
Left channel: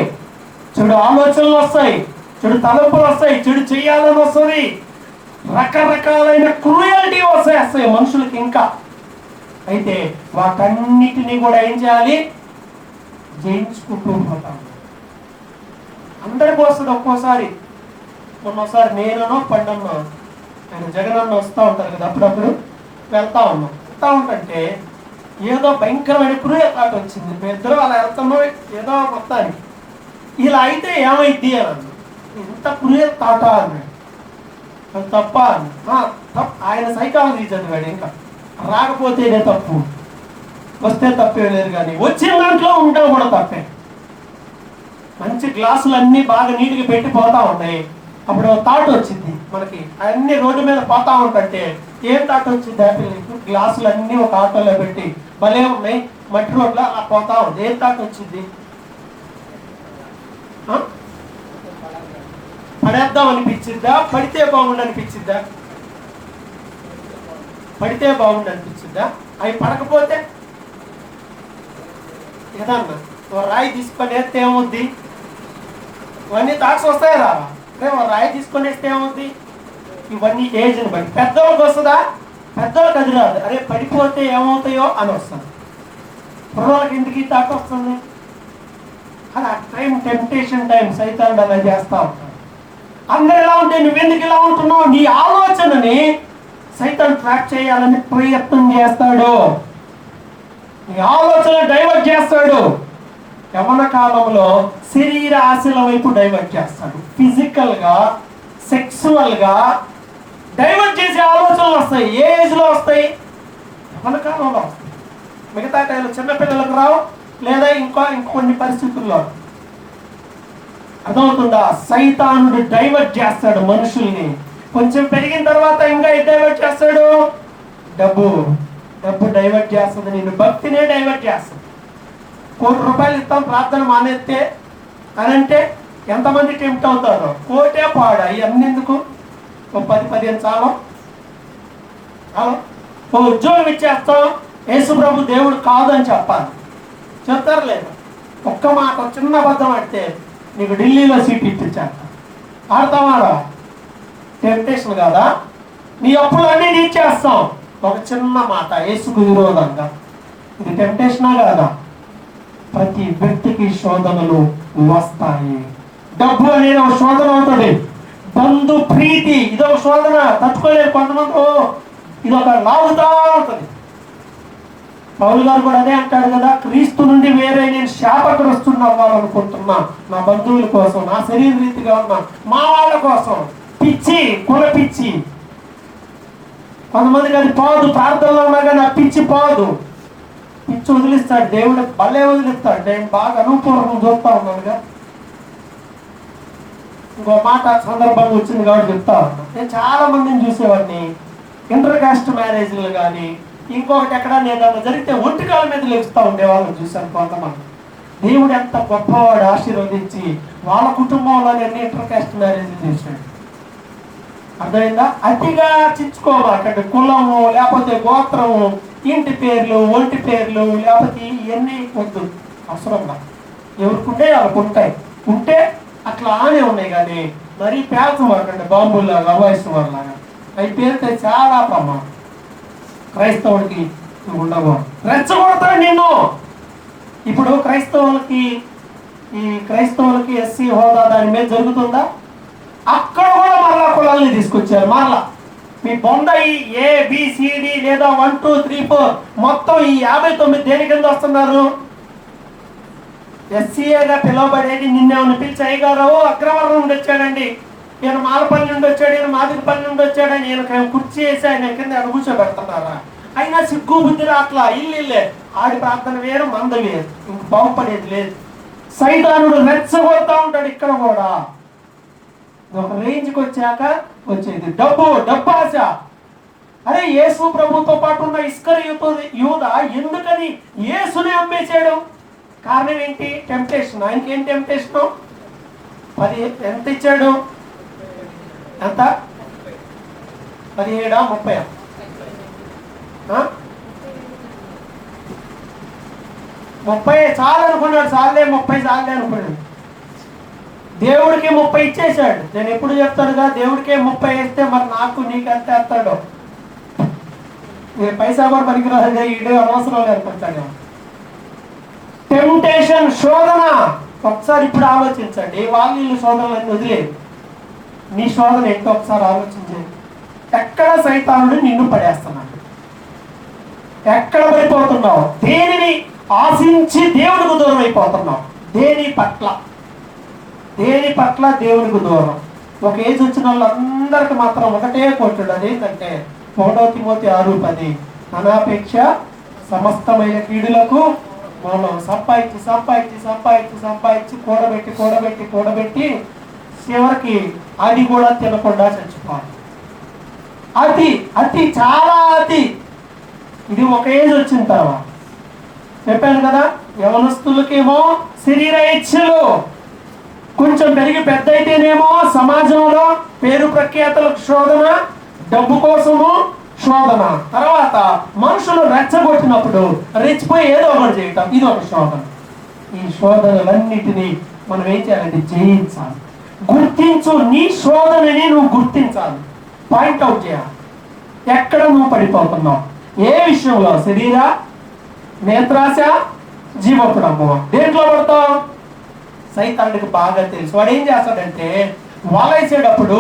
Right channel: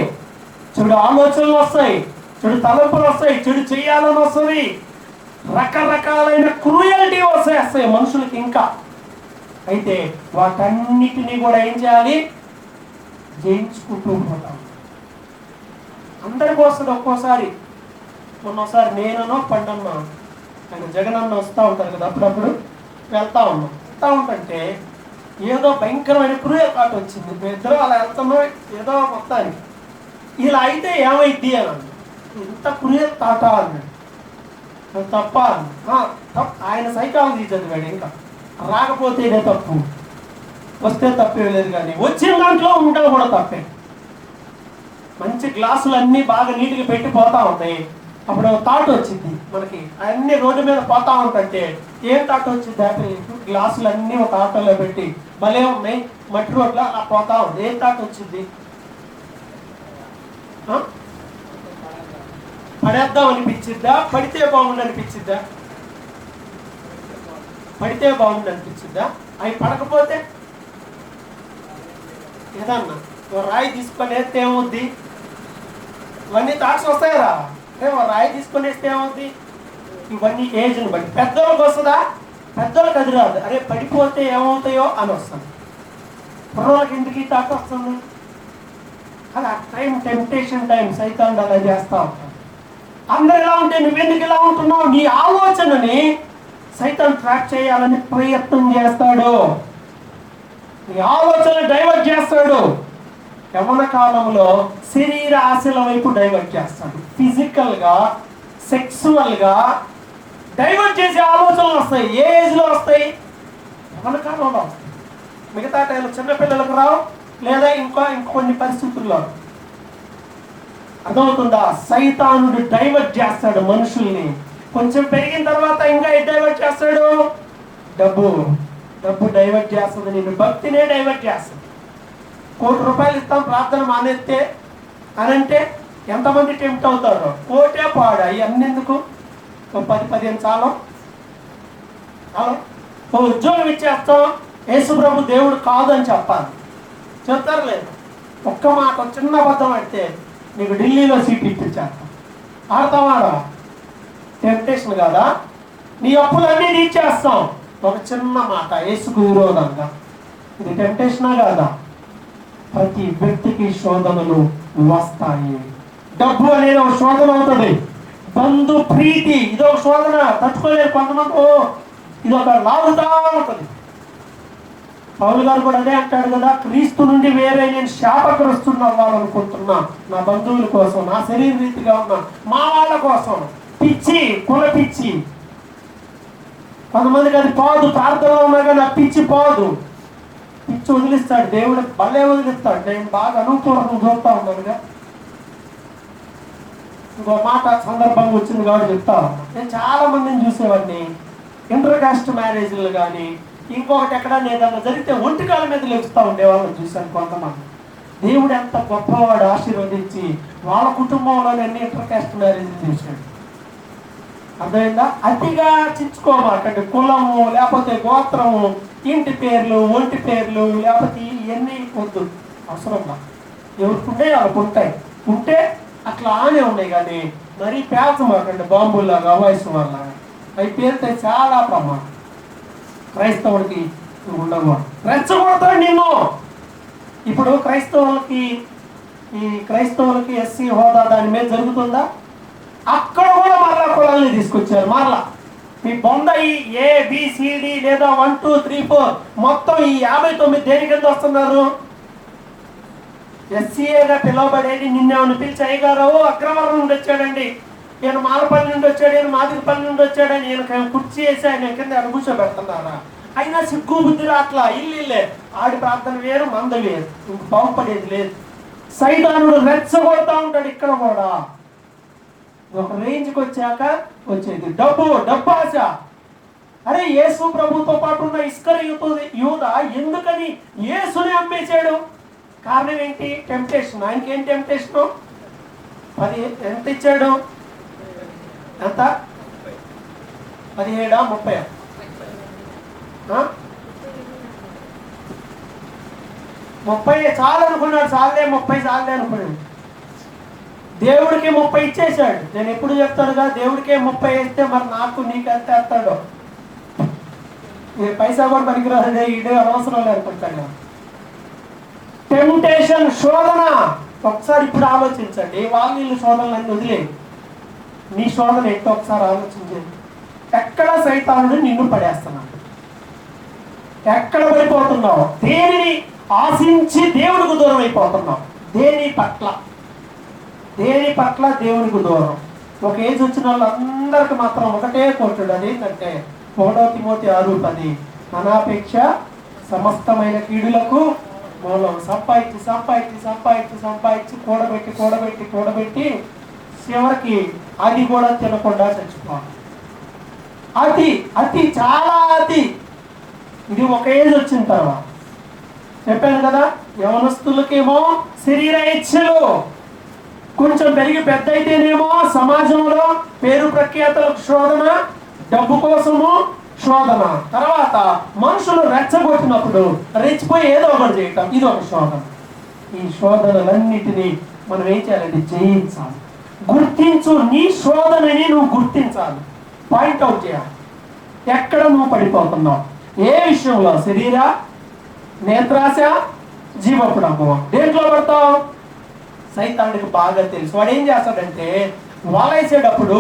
చెడు ఆలోచనలు వస్తాయి, చెడు తలంపులు వస్తాయి, చెడు చెయ్యాలని వస్తుంది, రకరకాలైన క్రూయల్టీ వస్తాయి మనుషులకి. ఇంకా అయితే వాటన్నిటినీ కూడా ఏం చేయాలి? జయించుకుంటూ పోతాం. అందరికి వస్తుంది ఒక్కోసారి. మొన్నోసారి నేననో పండన్నో ఆయన జగనన్న వస్తూ ఉంటారు కదా, అప్పుడప్పుడు వెళ్తా ఉంటుంటే ఏదో భయంకరమైన క్రూయల్ థాట్ వచ్చింది. మేము ఇద్దరు అలా వెళ్తున్నాం ఏదో మొత్తానికి, ఇలా అయితే ఏమైద్ది అని అన్నా. ఇంత క్రూయల్ థాటా అన్నాడు. అది తప్ప ఆయన సైకాలజీ చదివాడు, ఇంకా రాకపోతేనే తప్పు, వస్తే తప్పే లేదు. కానీ వచ్చిన దాంట్లో ఉండడం కూడా తప్పే. మంచి గ్లాసులు అన్నీ బాగా నీట్గా పెట్టి పోతా ఉంటాయి, అప్పుడు థాట్ వచ్చింది మనకి, అన్ని రోడ్డు మీద పోతా ఉంటుంటే ఏం థాట్ వచ్చింది హ్యాపీ నీకు? గ్లాసులు అన్నీ ఒక ఆటోలో పెట్టి భలే ఉన్నాయి మట్టి రోడ్లో అలా పోతా ఉంది, ఏం థాట్ వచ్చింది? పడేద్దాం అనిపించిద్దా, పడితే బాగుండు అనిపించిద్దా? పడితే బాగుండు అనిపించిద్దా? అవి పడకపోతే ఏదన్నా ఓ రాయి తీసుకొని వేస్తే ఏమవుద్ది? ఇవన్నీ థాట్స్ వస్తాయి రా, ఓ రాయి తీసుకొని వేస్తే ఏమవుద్ది? ఇవన్నీ ఏజ్ని బట్టి. పెద్దవాళ్ళకి వస్తుందా? పెద్దవాళ్ళకి అది రాదు. అరే పడిపోతే ఏమవుతాయో అని వస్తుంది. పిల్లలకి ఎందుకు ఈ థాట్ వస్తుంది? అలా టైం, టెంప్టేషన్ టైం, సైతాన్ని అలా చేస్తా ఉంటాడు. అందరూ ఎలా ఉంటే నువ్వెందుకు ఇలా ఉంటున్నావు? నీ ఆలోచనని సైతాన్ ట్రాక్ చేయాలని ప్రయత్నం చేస్తాడు, నీ ఆలోచన డైవర్ట్ చేస్తాడు. యవ్వన కాలంలో శరీర ఆశల వైపు డైవర్ట్ చేస్తాడు, ఫిజికల్ గా, సెక్సువల్ గా డైవర్ట్ చేసే ఆలోచనలు వస్తాయి. ఏ ఏజ్ లో వస్తాయి? యవ్వన కాలంలో వస్తాయి. మిగతా టైంలో చిన్నపిల్లలకు రావు, లేదా ఇంకొన్ని పరిస్థితుల్లో. అర్థమవుతుందా? సైతానుడు డైవర్ట్ చేస్తాడు మనుషుల్ని. కొంచెం పెరిగిన తర్వాత ఇంకా డైవర్ట్ చేస్తాడు, డబ్బు డైవర్ట్ చేస్తుంది, నేను భక్తినే డైవర్ట్ చేస్తుంది. ₹1 ఇస్తాం ప్రార్థన మానేస్తే అని అంటే ఎంతమంది టెంప్ట్ అవుతారో? కోటే పాడా ఇవన్నీ ఎందుకు? ఓ 10-15 చాలు. ఓ ఉద్యోగం ఇచ్చేస్తాం, యేసు ప్రభు దేవుడు కాదు అని చెప్పాలి, చెప్తారు లేదు? ఒక్క మాట, చిన్న అబద్ధం ఆడితే నీకు ఢిల్లీలో సీట్ ఇప్పించారు. ఆడతామారా? టెంప్టేషన్ కాదా? నీ అప్పులన్నీ తీర్చేస్తాం, ఒక చిన్న మాట యేసుకు విరోధంగా. ఇది టెంప్టేషనా కాదా? ప్రతి వ్యక్తికి శోధనలు వస్తాయి. డబ్బు అనేది ఒక శోధన అవుతుంది. బంధు ప్రీతి ఇదొక శోధన, తట్టుకోలేదు కొంతమంది. ఇది ఒక లాగుతా ఉంటుంది. పౌలు గారు కూడా అదే అంటాడు కదా, క్రీస్తు నుండి వేరే నేను శాపగ్రస్తుని అవ్వాలనుకుంటున్నా, నా బంధువుల కోసం, నా శరీర రీతిగా ఉన్నా మా వాళ్ళ కోసం. పిచ్చి, కుల పిచ్చి. కొంతమందికి అది పోదు, ప్రార్థనలో ఉన్నా కానీ ఆ పిచ్చి పోదు. పిచ్చి వదిలిస్తాడు దేవుడు, భలే వదిలిస్తాడు. నేను బాగా అనుకూలంగా చూస్తా ఉన్నానుగా. ఇంకో మాట సందర్భంగా వచ్చింది కాబట్టి చెప్తా ఉన్నా. నేను చాలా మందిని చూసేవాడిని, ఇంటర్ కాస్ట్ మ్యారేజ్లు కానీ ఇంకొకటి ఎక్కడ నేను అలా జరిగితే ఒంటికాల మీద లేపుస్తూ ఉండేవాళ్ళని చూశాను కొంతమంది. దేవుడు ఎంత గొప్పవాడు, ఆశీర్వదించి వాళ్ళ కుటుంబంలోనే అన్ని ఇంటర్ కాస్ట్ మ్యారేజ్లు చేశాడు. అర్థమైందా? అతిగా చించుకోమాకండి. కులము, లేకపోతే గోత్రము, ఇంటి పేర్లు, ఒంటి పేర్లు, లేకపోతే ఇవన్నీ వద్దు అవసరంగా. ఎవరికి వాళ్ళకు ఉంటాయి, ఉంటే అట్లా ఆనే ఉన్నాయి. కానీ మరీ పేర్చమాకండి, బాంబుల్లాగా, వయసు వాళ్ళలాగా. అవి పేరితే చాలా ప్రమాదం. క్రైస్తవుడికి ఉండవు, రెచ్చగొడతాడు నిన్ను. ఇప్పుడు క్రైస్తవులకి ఎస్సీ హోదా దాని మీద జరుగుతుందా? అక్కడ కూడా మరలా కులాలని తీసుకొచ్చారు. మరలా మీ బొంద ఈ ABCD లేదా 1 2 3 4 మొత్తం ఈ 59 దేని కింద వస్తున్నారు? ఎస్సీఏగా పిలువబడేది. నిన్నేమని పిలిచి అయ్యగారు అగ్రవర్ణం నుండి వచ్చాడండి, ఈయన మాలపల్లి నుండి వచ్చాడు, ఈయన మాదిరిపల్లి నుండి వచ్చాడని ఈయన కుర్చీ వేసి ఆయన కింద కూర్చోబెడుతున్నారా? అయినా సిగ్గు బుద్ధి రాట్లా. ఇల్లే ఆడి ప్రార్థన వేరు, మంద వేరు, ఇంక బాగుపడేది లేదు. సైతానుడు రెచ్చగొడతా ఉంటాడు. ఇక్కడ కూడా ఒక రేంజ్కి వచ్చాక వచ్చేది డబ్బు ఆశ. అరే యేసు ప్రభుతో పాటు ఉన్న ఇస్కరియోతు యూదా ఎందుకని యేసుని అమ్మేశాడు? కారణం ఏంటి? టెంప్టేషన్. ఆయనకి ఏం టెంప్టేషన్? 10 ఎంత ఇచ్చాడు? ఎంత? 17 30 30 చాలు అనుకున్నాడు. చాలే 30 చాలే అనుకున్నాడు. దేవుడికి 30 ఇచ్చేసాడు. నేను ఎప్పుడు చెప్తానుగా, దేవుడికే 30 వేస్తే మరి నాకు నీకెంత వేస్తాడు? పైసా కూడా పనికిరాదే, ఈడే అనవసరం అనుకుంటాడు. టెంప్టేషన్, శోధన. ఒకసారి ఇప్పుడు ఆలోచించండి. వాళ్ళు శోధనలన్నీ వదిలేదు, నీ శోధన ఏంటో ఒకసారి ఆలోచించండి. ఎక్కడ సైతానుడు నిన్ను పడేస్తున్నాడు? ఎక్కడ పడిపోతున్నావు? దేనిని ఆశించి దేవుడికి దూరం అయిపోతున్నావు? దేని పట్ల దేవునికి దూరం. ఒక ఏజ్ వచ్చిన వాళ్ళందరికీ మాత్రం ఒకటే కొట్టుడు, అదేంటంటే 1 తిమోతి 6:10 ధనాపేక్ష సమస్తమైన కీడులకు మూలం. సంపాదించి సంపాదించి సంపాదించి సంపాదించి కూడబెట్టి కూడబెట్టి కూడబెట్టి చివరికి అది కూడా తినకుండా చచ్చిపోవాలి. అతి అతి చాలా అతి. ఇది ఒక ఏజ్ వచ్చిన తర్వాత చెప్పాను కదా. యవనస్తులకేమో శరీర ఇచ్ఛలు, కొంచెం పెరిగి పెద్ద అయితేనేమో సమాజంలో పేరు ప్రఖ్యాతలకు శోధన, డబ్బు కోసము శోధన, తర్వాత మనుషులు రెచ్చగొట్టినప్పుడు రెచ్చిపోయి ఏదో ఒకటి చేయటం, ఇది ఒక శోధన. ఈ శోధనలన్నిటినీ మనం ఏం చేయాలంటే జయించాలి. గుర్తించు, నీ శోధనని నువ్వు గుర్తించాలి, పాయింట్అవుట్ చేయాలి. ఎక్కడ నువ్వు పడిపోతున్నావు, ఏ విషయంలో? శరీర, నేత్రాశ, జీవపురము. దేంట్లో పడతావు? సైతానుడికి బాగా తెలుసు. వాడు ఏం చేస్తాడంటే వలేసేటప్పుడు,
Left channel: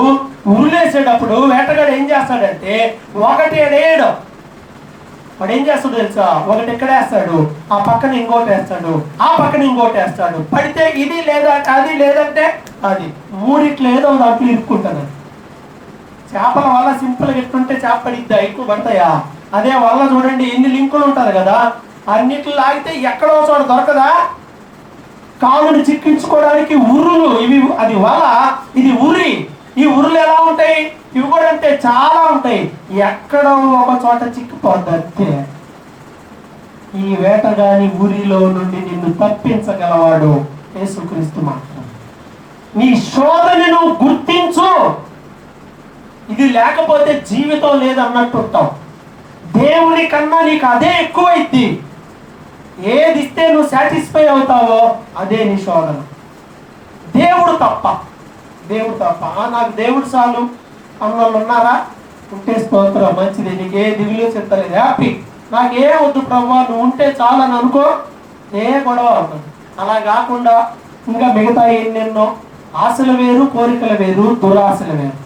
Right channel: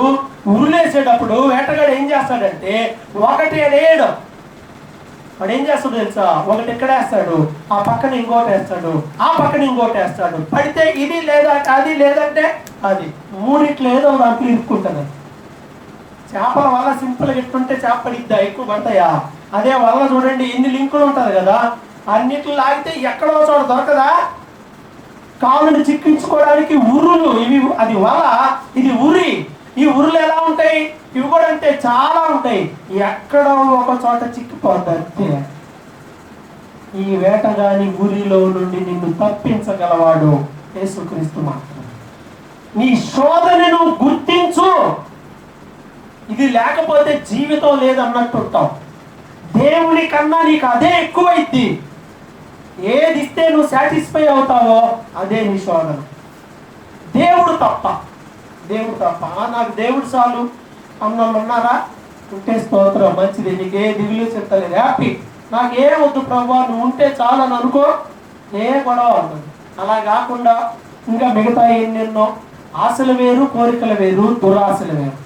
ఉరులేసేటప్పుడు వేటగాడు ఏం చేస్తాడంటే ఒకటి వేయడు. వాడు ఏం చేస్తాడు తెలుసా? ఒకటి ఇక్కడ వేస్తాడు, ఆ పక్కన ఇంకోటి వేస్తాడు, ఆ పక్కన ఇంకోటి వేస్తాడు. పడితే ఇది లేదా అది, లేదంటే అది, మూడిట్లు ఏదో దాంట్లో ఇరుక్కుంటాడు. చేపల వల్ల సింపుల్గా ఎట్టుంటే చేప పడిద్దా, ఎక్కువ పడతాయా? అదే వల్ల చూడండి ఎన్ని లింకులు ఉంటారు కదా, అన్నిట్లు లాగితే ఎక్కడో చోట దొరకదా? కాళ్ళని చిక్కించుకోవడానికి ఉరులు ఇవి, అది వల, ఇది ఉరి. ఈ ఉరులు ఎలా ఉంటాయి? ఇవి కూడా అంటే చాలా ఉంటాయి. ఎక్కడో ఒక చోట చిక్కిపోద్ది అంతే. ఈ వేటగాని ఉరిలో నుండి నిన్ను తప్పించగలవాడు యేసుక్రీస్తు మాత్రం. నీ శోధనను గుర్తించు. ఇది లేకపోతే జీవితం లేదన్నట్టు ఉంటావు. దేవుని కన్నా నీకు అదే ఎక్కువైద్ది. ఏది ఇస్తే నువ్వు సాటిస్ఫై అవుతావో అదే నీ శోధన. దేవుడు తప్ప, దేవుడు తప్ప. నాకు దేవుడు చాలు అన్నోళ్ళు ఉన్నారా? ఉంటే స్తోత్రం, మంచిది. నీకు ఏ దిగులు చింతలేదు, హ్యాపీ. నాకేం వద్దు ప్రభు, నువ్వు ఉంటే చాలు అని అనుకో, ఏ గొడవ అవుతుంది. అలా కాకుండా ఇంకా మిగతా ఎన్నెన్నో ఆశలు వేరు, కోరికలు వేరు, దురాశలు వేరు.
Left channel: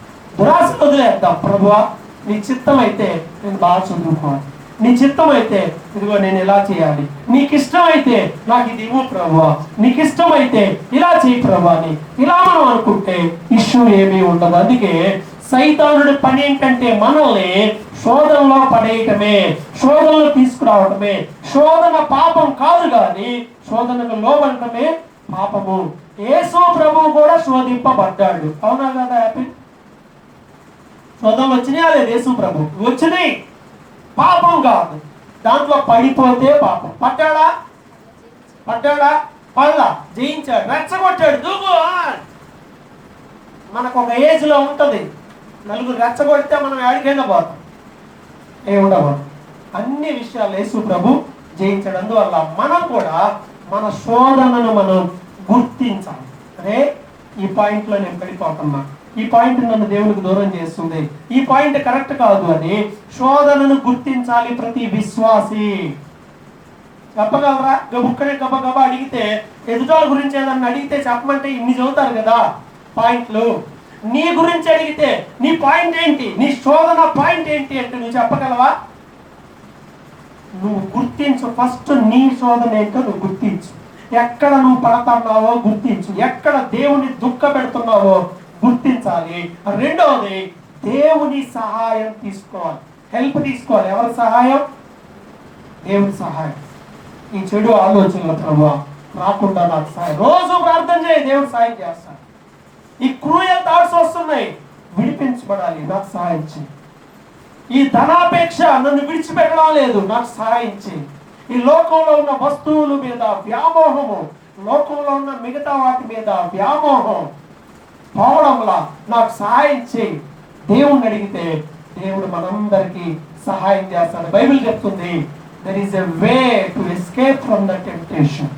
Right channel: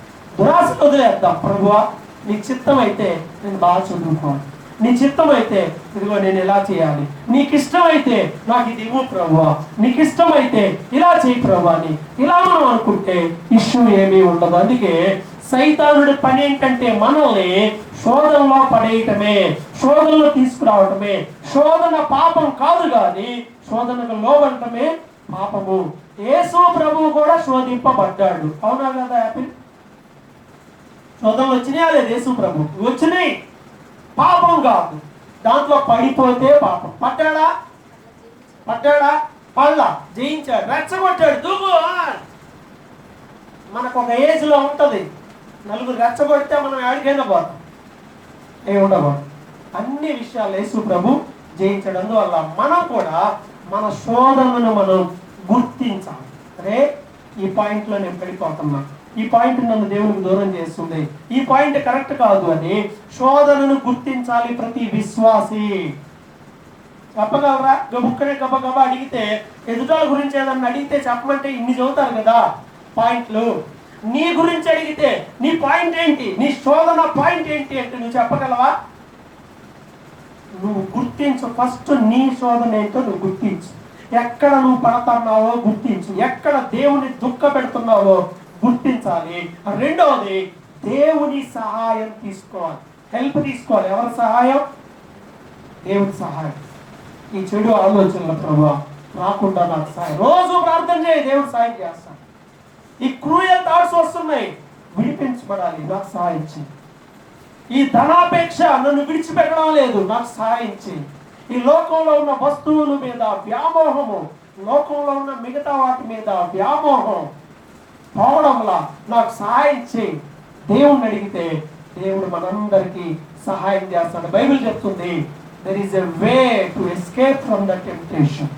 దురాశలు వదిలేద్దాం. ప్రభువా నీ చిత్తం అయితే నేను బాగా చదువుకోవాలి, నీ చిత్తం అయితే ఇదిగో నేను ఎలా చేయాలి, నీకు ఇష్టమైతే నాకు ఇది ఇవ్వు ప్రభువా, నీకు ఇష్టమైతే ఇలా చేయి ప్రభువా అని ఇలా మనం అనుకుంటే ఇష్యూ ఏమీ ఉండదు. అందుకే సైతానుడి పని ఏంటంటే మనల్ని శోధనలో పడేయటమే, శోధనలో తీసుకురావటమే. శోధన పాపం కాదు, కానీ శోధనకు లోబడటమే పాపము. యేసు ప్రభువు కూడా శోధింపబడ్డాడు, అవునా కదా? హ్యాపీ. శోధనలు వచ్చినాయా లేదు? యేసు ప్రభు వచ్చినాయి, పాపం కాదు. దాంట్లో పడిపోతే పాపం. పడ్డాడా? పడ్డాడా? పడలా, జయించాడు, రెచ్చగొట్టాడు, దూకు. మనకు ఒక ఏజ్ లో ఉంటది, నలుగురు రెచ్చగొడితే మనం ఎక్కడికైనా పోతాం, ఏముండవు. అన్ని విషయాలు యేసు ప్రభు జయించాడు. అందువల్ల మనం కూడా మన శోధనను మనం గుర్తించాలి. అరే ఈ పాయింట్ లో నేను పడిపోతున్నా, ఈ పాయింట్ నన్ను దేవునికి దూరం చేస్తుంది, ఈ పాయింట్ కరెక్ట్ కాదు అని శోధనను గుర్తించాలి ప్రతి విశ్వాసి. చెప్పగలరా? బుక్కనే గబగబా అడిగితే, ఎదుటాల గురించి ఏదన్నా అడిగితే చెప్పమంటే ఇన్ని చదువుతారు కదా పాయింట్లు. నీ గురించి అడిగితే నీ పాయింట్ ఏంటి, నీ శోధన పాయింట్ ఏంటి అంటే నువ్వు చెప్పగలవా? నువ్వు గుర్తించు. ఫస్ట్ నీ శోధన ఏంటో నువ్వు గుర్తించు. ఎక్కడ నువ్వు పడుతున్నావో గుర్తించు, ఎక్కడ దేవుని దుఃఖ పెడుతున్నావో గుర్తించాలి. రెండవది, దేవుని సహాయం తీసుకోవాలి, హెల్ప్ తీసుకోవాలి. ఎవరి సహాయం? దేవుని సహాయం. ఈ చెడు ఆలోచనల ప్రభావ రాకుండా నాకు సహాయం. రోజు ప్రార్థన చేయి, దేవుడు సహాయం చేస్తాడు. ఈ క్రూయల్ థాట్స్ వస్తున్నాయి, విడిపించబడాలి, నాకు సహాయం చేయి. ఈ ధనాపేక్ష నన్ను విడిచిపెట్టడం లేదు, నాకు సహాయం చేయి. ఈ లోకంలో ఉన్న వస్తువుల మీద వ్యామోహము, లోకంలో ఉన్న మిగతా వాటి మీద వ్యామోహం పోవడంలా నాకు సహాయం చేయి. దేవుణ్ణి అడిగితే దేవుడు మనందరికీ సహాయం చేస్తాడు. బైబిల్ చెప్తుంది, there is a way to escape from the temptation.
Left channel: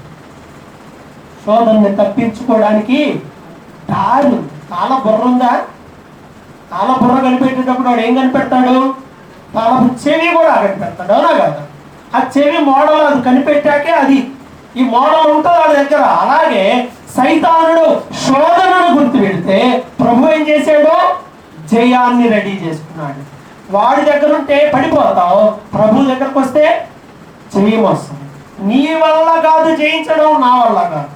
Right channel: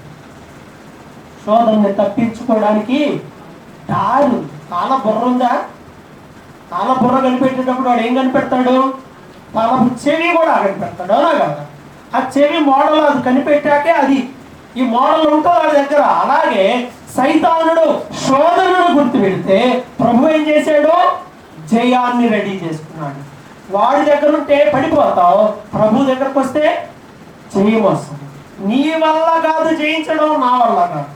శోధనని తప్పించుకోవడానికి దారి. తాళ బుర్ర ఉందా? తాళ బుర్ర కనిపెట్టేటప్పుడు వాడు ఏం కనిపెడతాడు? తాళ చెవి కూడా కనిపెడతాడు, అవునా కదా? ఆ చెవి మోడల్ అది కనిపెట్టాకే అది ఈ మోడల్ ఉంటుంది వాళ్ళ దగ్గర. అలాగే సైతానుడు శోధనను గుర్తు పెడితే ప్రభు ఏం చేశాడు? జయాన్ని రెడీ చేసుకున్నాడు. వాడి దగ్గర ఉంటే పడిపోతావు, ప్రభు దగ్గరకు వస్తే జయం వస్తుంది. నీ వల్ల కాదు జయించడం, నా వల్ల కాదు.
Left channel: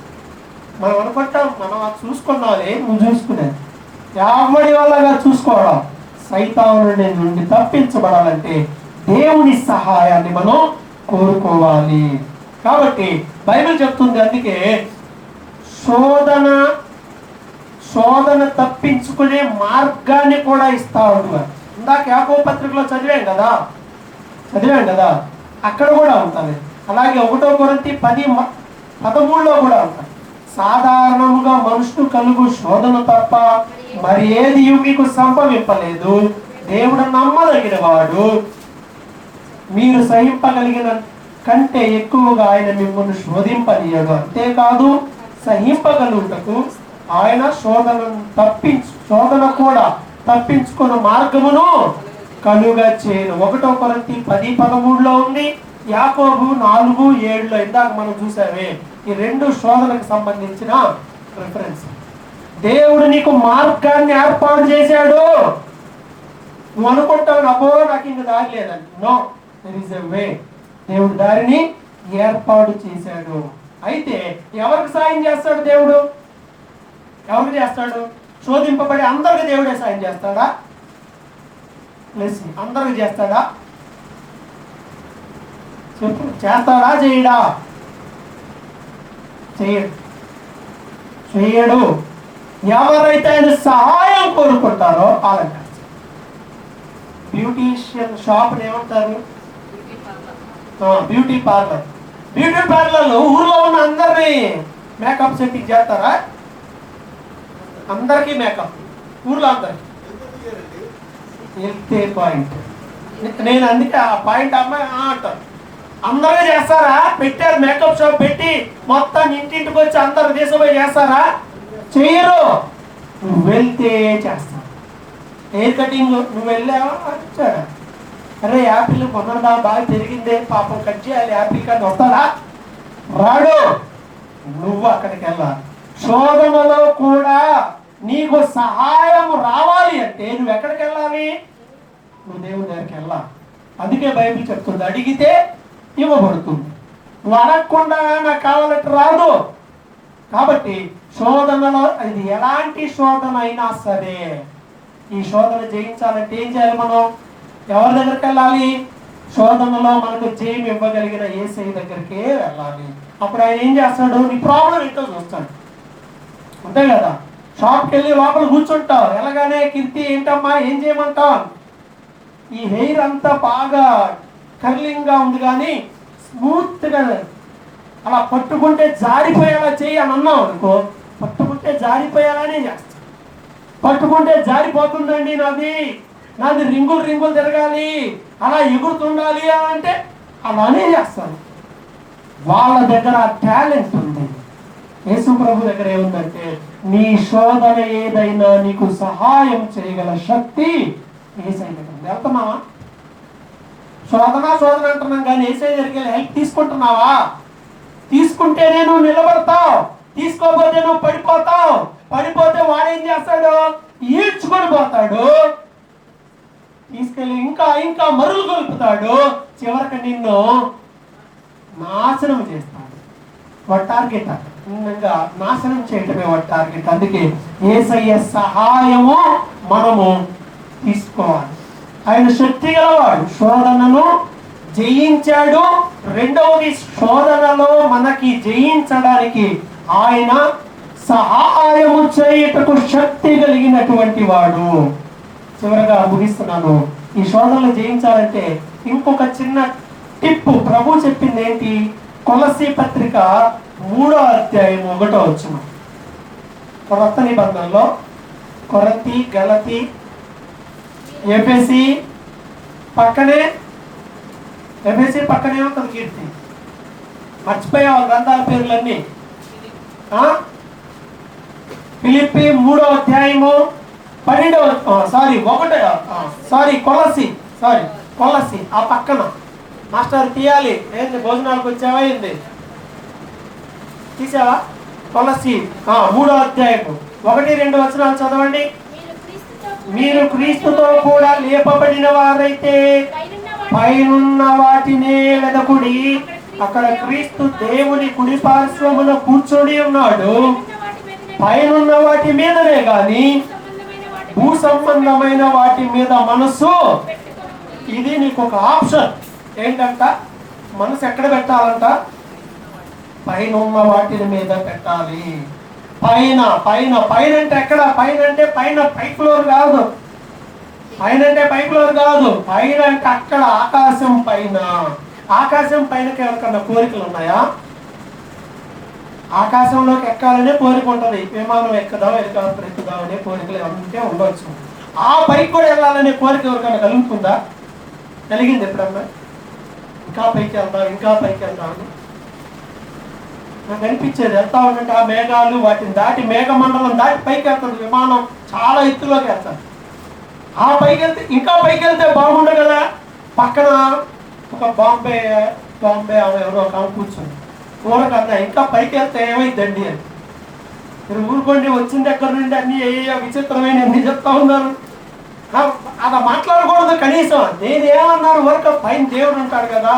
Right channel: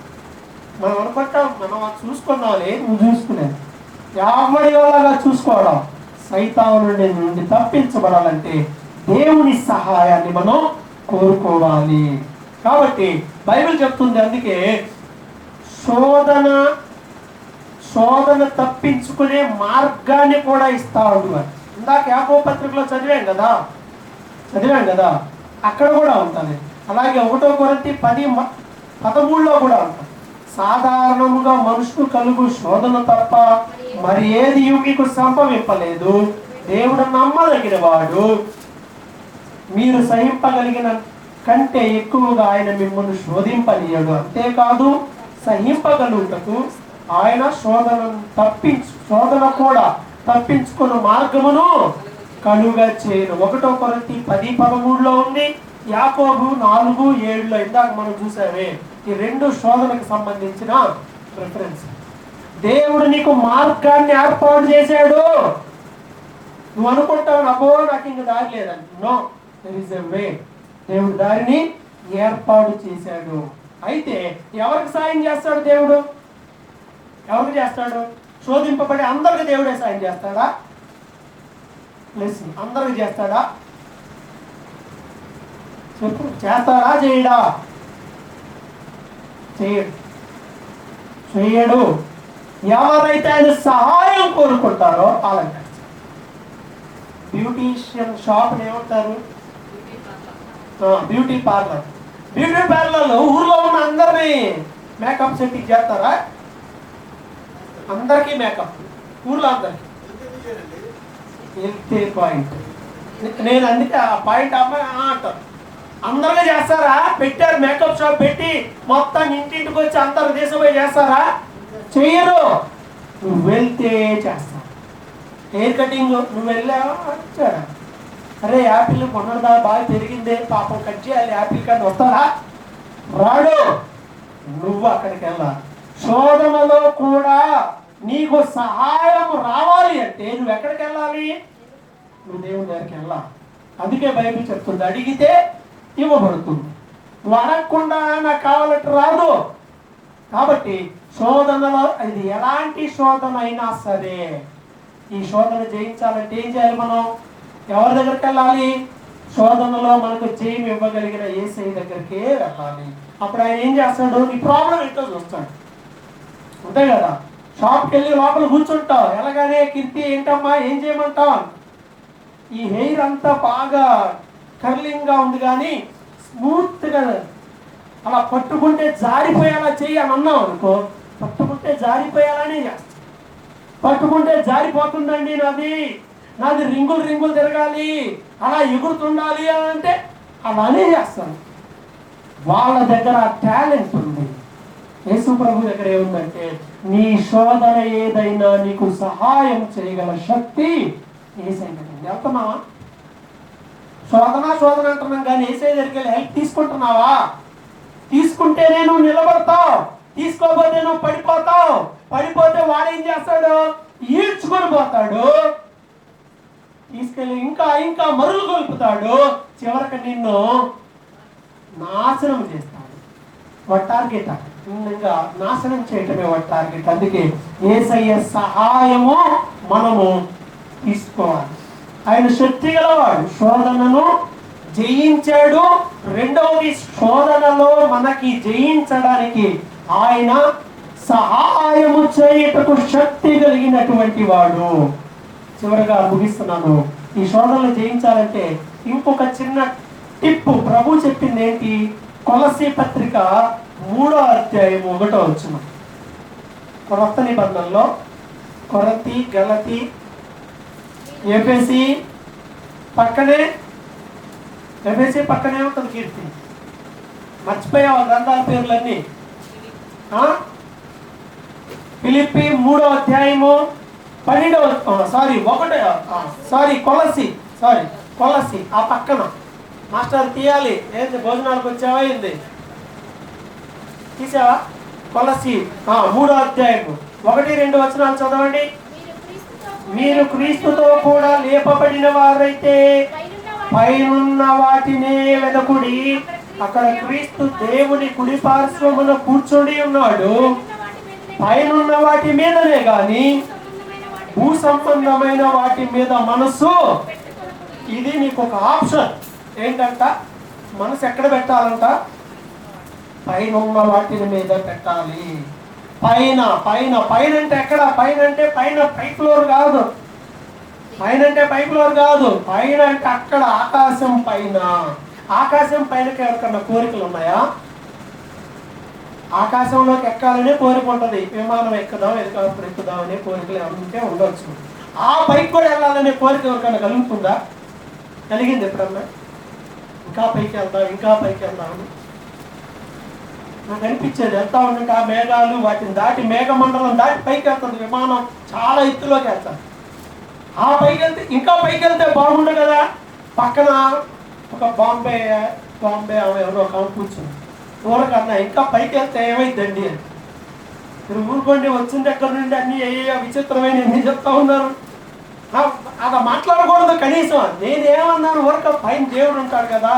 మనం అనుకుంటాం మనం చూసుకున్నావులే, నువ్వు చూసుకునేది ఎవరి వల్లగా చూసుకోవడం, సైతాను నుండి తప్పించబడాలంటే దేవుని సహాయాన్ని మనం కోరుకోవాలి. కాబట్టి బైబిల్ చెప్తుంది, అందుకే శోధన తప్పించుకునే మార్గాన్ని కూడా ఇస్తా ఉంటారు. ఇందాక యాకోబు పత్రికలో చదివాం కదా, అక్కడ కూడా ఉంటుంది. అలాగే 1 కొరింథీ 10:13 కూడా ఉంటుంది. సాధారణముగా మనుషులు కలుగు శోధన తప్ప మరి ఏది మీకు సంభవింపలేదు. దేవుడు నమ్మదగిన వాడు, మీరు సహింపగలిగిన కంటే ఎక్కువగా ఆయన మిమ్మల్ని శోధింపనీయడు. అంతేకాదు సహింపగలుగుటకు ఆయన శోధన కూడా తప్పించుకున్న మార్గమును కలుగా చేయను. 1 కొరింథీ 10:13 ఉంది, యాకోబు 4:7 ఇందాక మనం చూసావే. ఈ 2 శోధనకు సంబంధించిన రిఫరెన్స్. దేవుడు నీకు మార్గాన్ని ఏర్పాటు చేశాడు. నువ్వు అనుకుంటావు, అబ్బో నాకు ఇంక దారి లేదని. నో, దేర్ ఇస్ ఎ వే. దేవుడు దారిని ఏర్పాటు చేశాడు. అయితే ఎవరికి సాయం చేస్తాడు దేవుడు? ఎవరికి చేస్తాడు? శోధింపబడి అందరికి దేవుడే సాయం చేస్తాడా? అందరికి చేస్తాడా? చెప్పు, చేస్తాడా? చేయడా? చేయడు. ఎవరైతే ఆయన సహాయం కోరుకుంటారో వాళ్ళంటారు. బ్యూటీషియన్ షాప్ ఏమంటారు? Beauty parlour. బ్యూటీ పార్లర్లో ఊర్లో ఉన్న అందరినీ మేకప్ సెట్టింగ్ చేస్తారా? అందరికీ మేకప్, ఊర్లో అందరికి వెళ్తే పాయింట్. నేను అందుకే ఆ పాయింట్ అమ్మాయి అంటారు. అందరూ చేస్తారా? పెట్టారు మేకప్ షాప్ పెట్టి మొత్తం ఇంటింటికి వచ్చి అందరు తీసుకుపోయి చేస్తారా? చెయ్యరు. నువ్వు వెళ్తే చేస్తా. హెయిర్ కటింగ్ నువ్వు వెళ్ళావా? అరే యాపిల్ కొన్నదా, బాగా పెరిగిందే, పాపం కట్ చేయాలి యాపిల్ కానీ వస్తారా? రాడు. నువ్వు అక్కడికి వెళ్ళాలి. శోధనలో కూడా నీకు సహాయం రావాలి అంటే నువ్వు ఎక్కడికి వెళ్ళాలి? నువ్వు దేవుని దగ్గరికి వెళ్ళాలి. అందుకే బైబిల్ చెప్తుంది, అడిగితే ఇవ్వబడుతుంది. నువ్వు అడగకుండా నాకు కావాలంటే రాదు. కాబట్టి శోధనలో ఇది ఎలాంటి శోధన అయినా సరే, ఈ శోధన జయించాలంటే ఏం చేయాలి? మనం ఎవరి దగ్గరికి వెళ్ళాలి? శోధనలో మనకు జయం ఇవ్వగలిగిన యేసయ్య దగ్గరికే వెళ్ళాలి. అప్పుడు ఆయన ఏం చేస్తాడు? నీ ప్రాబ్లం ఏంటో చూస్తాడు. అంతే కదా. షాప్కి వెళ్ళి లోపల కూర్చుంటావు, ఎలాగానే కీర్తి ఏంటమ్మా ఏం చేయమంటావు? ఈ హెయిర్ అంతా బాగా కర్లింగ్ గా ఉంది కానీ స్మూత్ గా అలా పట్టుకుంటే జారిపోయేలా చెయ్యి అని అన్నావు అనుకో, పట్టుకుంటే జారిపోయేలానే చేస్తా. పట్టుకుంటే జారిపోతుందండి, నాది రింగులు తిరగాలి, అలా ఎగురుతుండాలి అని అంటే అలానే చేస్తాను. వాళ్ళ దగ్గర టాలెంట్ ఉంది. యేసు ప్రభు దగ్గర ఏముందంటే, నీ శోధన ఏదైనా నీకు సహాయం చేయగల శక్తి యేసయ్యకు ఉంది. వెళ్తున్నావా? శోధన అంటున్నాం కానీ యేసయ్య దగ్గరికి వెళ్ళి హెల్ప్ తీసుకుంటున్నావా? తీసుకుంటేనే నువ్వు నిలబడతావు, తీసుకోకపోతే నువ్వు పడిపోతావు. పడిపోతే వాడు ఏం చేస్తాడు? ఈడ్చుకొని పోతాడు, తీసుకెళ్ళి ఇంకా మరులు గొలుపుతాడు, చివరికి నిన్ను నాశనం చేస్తాడు. వాడి టార్గెట్ నాశనం చేయటమే వాడి టార్గెట్. అందుకే యేసయ్య సహాయము మనము తీసుకోవాలి. ఆయన శక్తి గలవాడు, శోధనను జయించాడు. రెండవది, శోధనలో మనకి జయించడానికి ఆయన సహాయము చేయుటకు శక్తి కలిగినటువంటి వాడు. చివరగా ముగిస్తున్నాను. ఈ శోధనలు జయించాలంటే ఇంకొక చిన్న టిప్ ప్రభు చెప్పింది ఏంటి? కొలస్సీ పత్రిక 3వ అధ్యాయం 1వ వచనం. కొత్త నిబంధనలో కొరింథీ, గలతీ, ఎఫెసీ పక్కనే ఉంటుంది కీర్తి. మర్చిపోయావు గ్రంథాల పేర్లన్నీ. ఫిలిప్పీ 3వ అధ్యాయము 12వ కొలస్సీ ఆ పక్కన. మాస్టర్ తీయాలి. ఏంది భోజనాలకు వచ్చావా? ఏంది తీసావా? కొలస్సీ 3వ అధ్యాయము 1-2 వచనాలు చదవండి. మీరు క్రీస్తుతో కూడా లేపబడిన వారైతే పైనున్న వాటినే వెదకుడి, అక్కడ క్రీస్తు దేవుని కుడి పార్శ్వమున కూర్చొని ఉన్నాడు. పైనున్న వాటి మీదనే గాని భూ సంబంధమైన వాటి మీద మనసు. ఇది నీకు ఒక ఆప్షన్. ఏంటంట? మనసు ఎక్కడ పెట్టాలంట? పైన ఉన్న వాటి మీద పెట్టాలి. పైన పైన పైన అంటే ఎక్కడ? పైన అంటే పైన పై ఫ్లోర్ కాదు. పైన అంటే పై ఫ్లోర్ కాదు. పైన అంటే అక్కడ ఆకాశం పైన. ఆకాశం పైనకి ఎవరికన్నా కోరికలు ఉన్నాయా? ఆకాశంలోకి ఎక్కాలనే కోరిక ఉంటుంది. విమానం ఎక్కుదాం, హెలికాప్టర్ ఎక్కుదాం అనే కోరికలు ఎవరికే ఉండవచ్చు. ఆ పైకి కూడా వెళ్ళాలనే కోరిక ఎవరికైనా కలుగుతుందా? కలిగింది ఎప్పుడన్నా? ఇంకా పైకి వెళ్దాం, ఇంకా పైకి వెళ్దాం అని నాకు అనిపించేది. వెళ్తా ఉంటే ఆ మేఘాలు వాటిని దాటి, మేఘమండలం దాటి పైకి వెళ్తుంది విమానం. చాలా ఎత్తులోకి వెళ్తాను. ఆ పైకి వెళ్తే ఇంకా పైకి వెళ్తే బాగుండు కదా. పక్కన ఒక బాంబే ఆమె ఎవరో ఒక కూర్చుంది. ఊరకన్నా ఇంకా పైకి వెళ్తే ఏమైందండి అని. మీరు ఊరుకోండి, వచ్చిన దగ్గర నుండి అన్ని ఏ విచిత్రమైన అన్ని చెప్తా ఉన్నారు. అలా మాట్లాడకూడదు కనీసం. నేను ఏమన్నాను? ఊరక పైన దేవుడు ఉంటాడు కదా,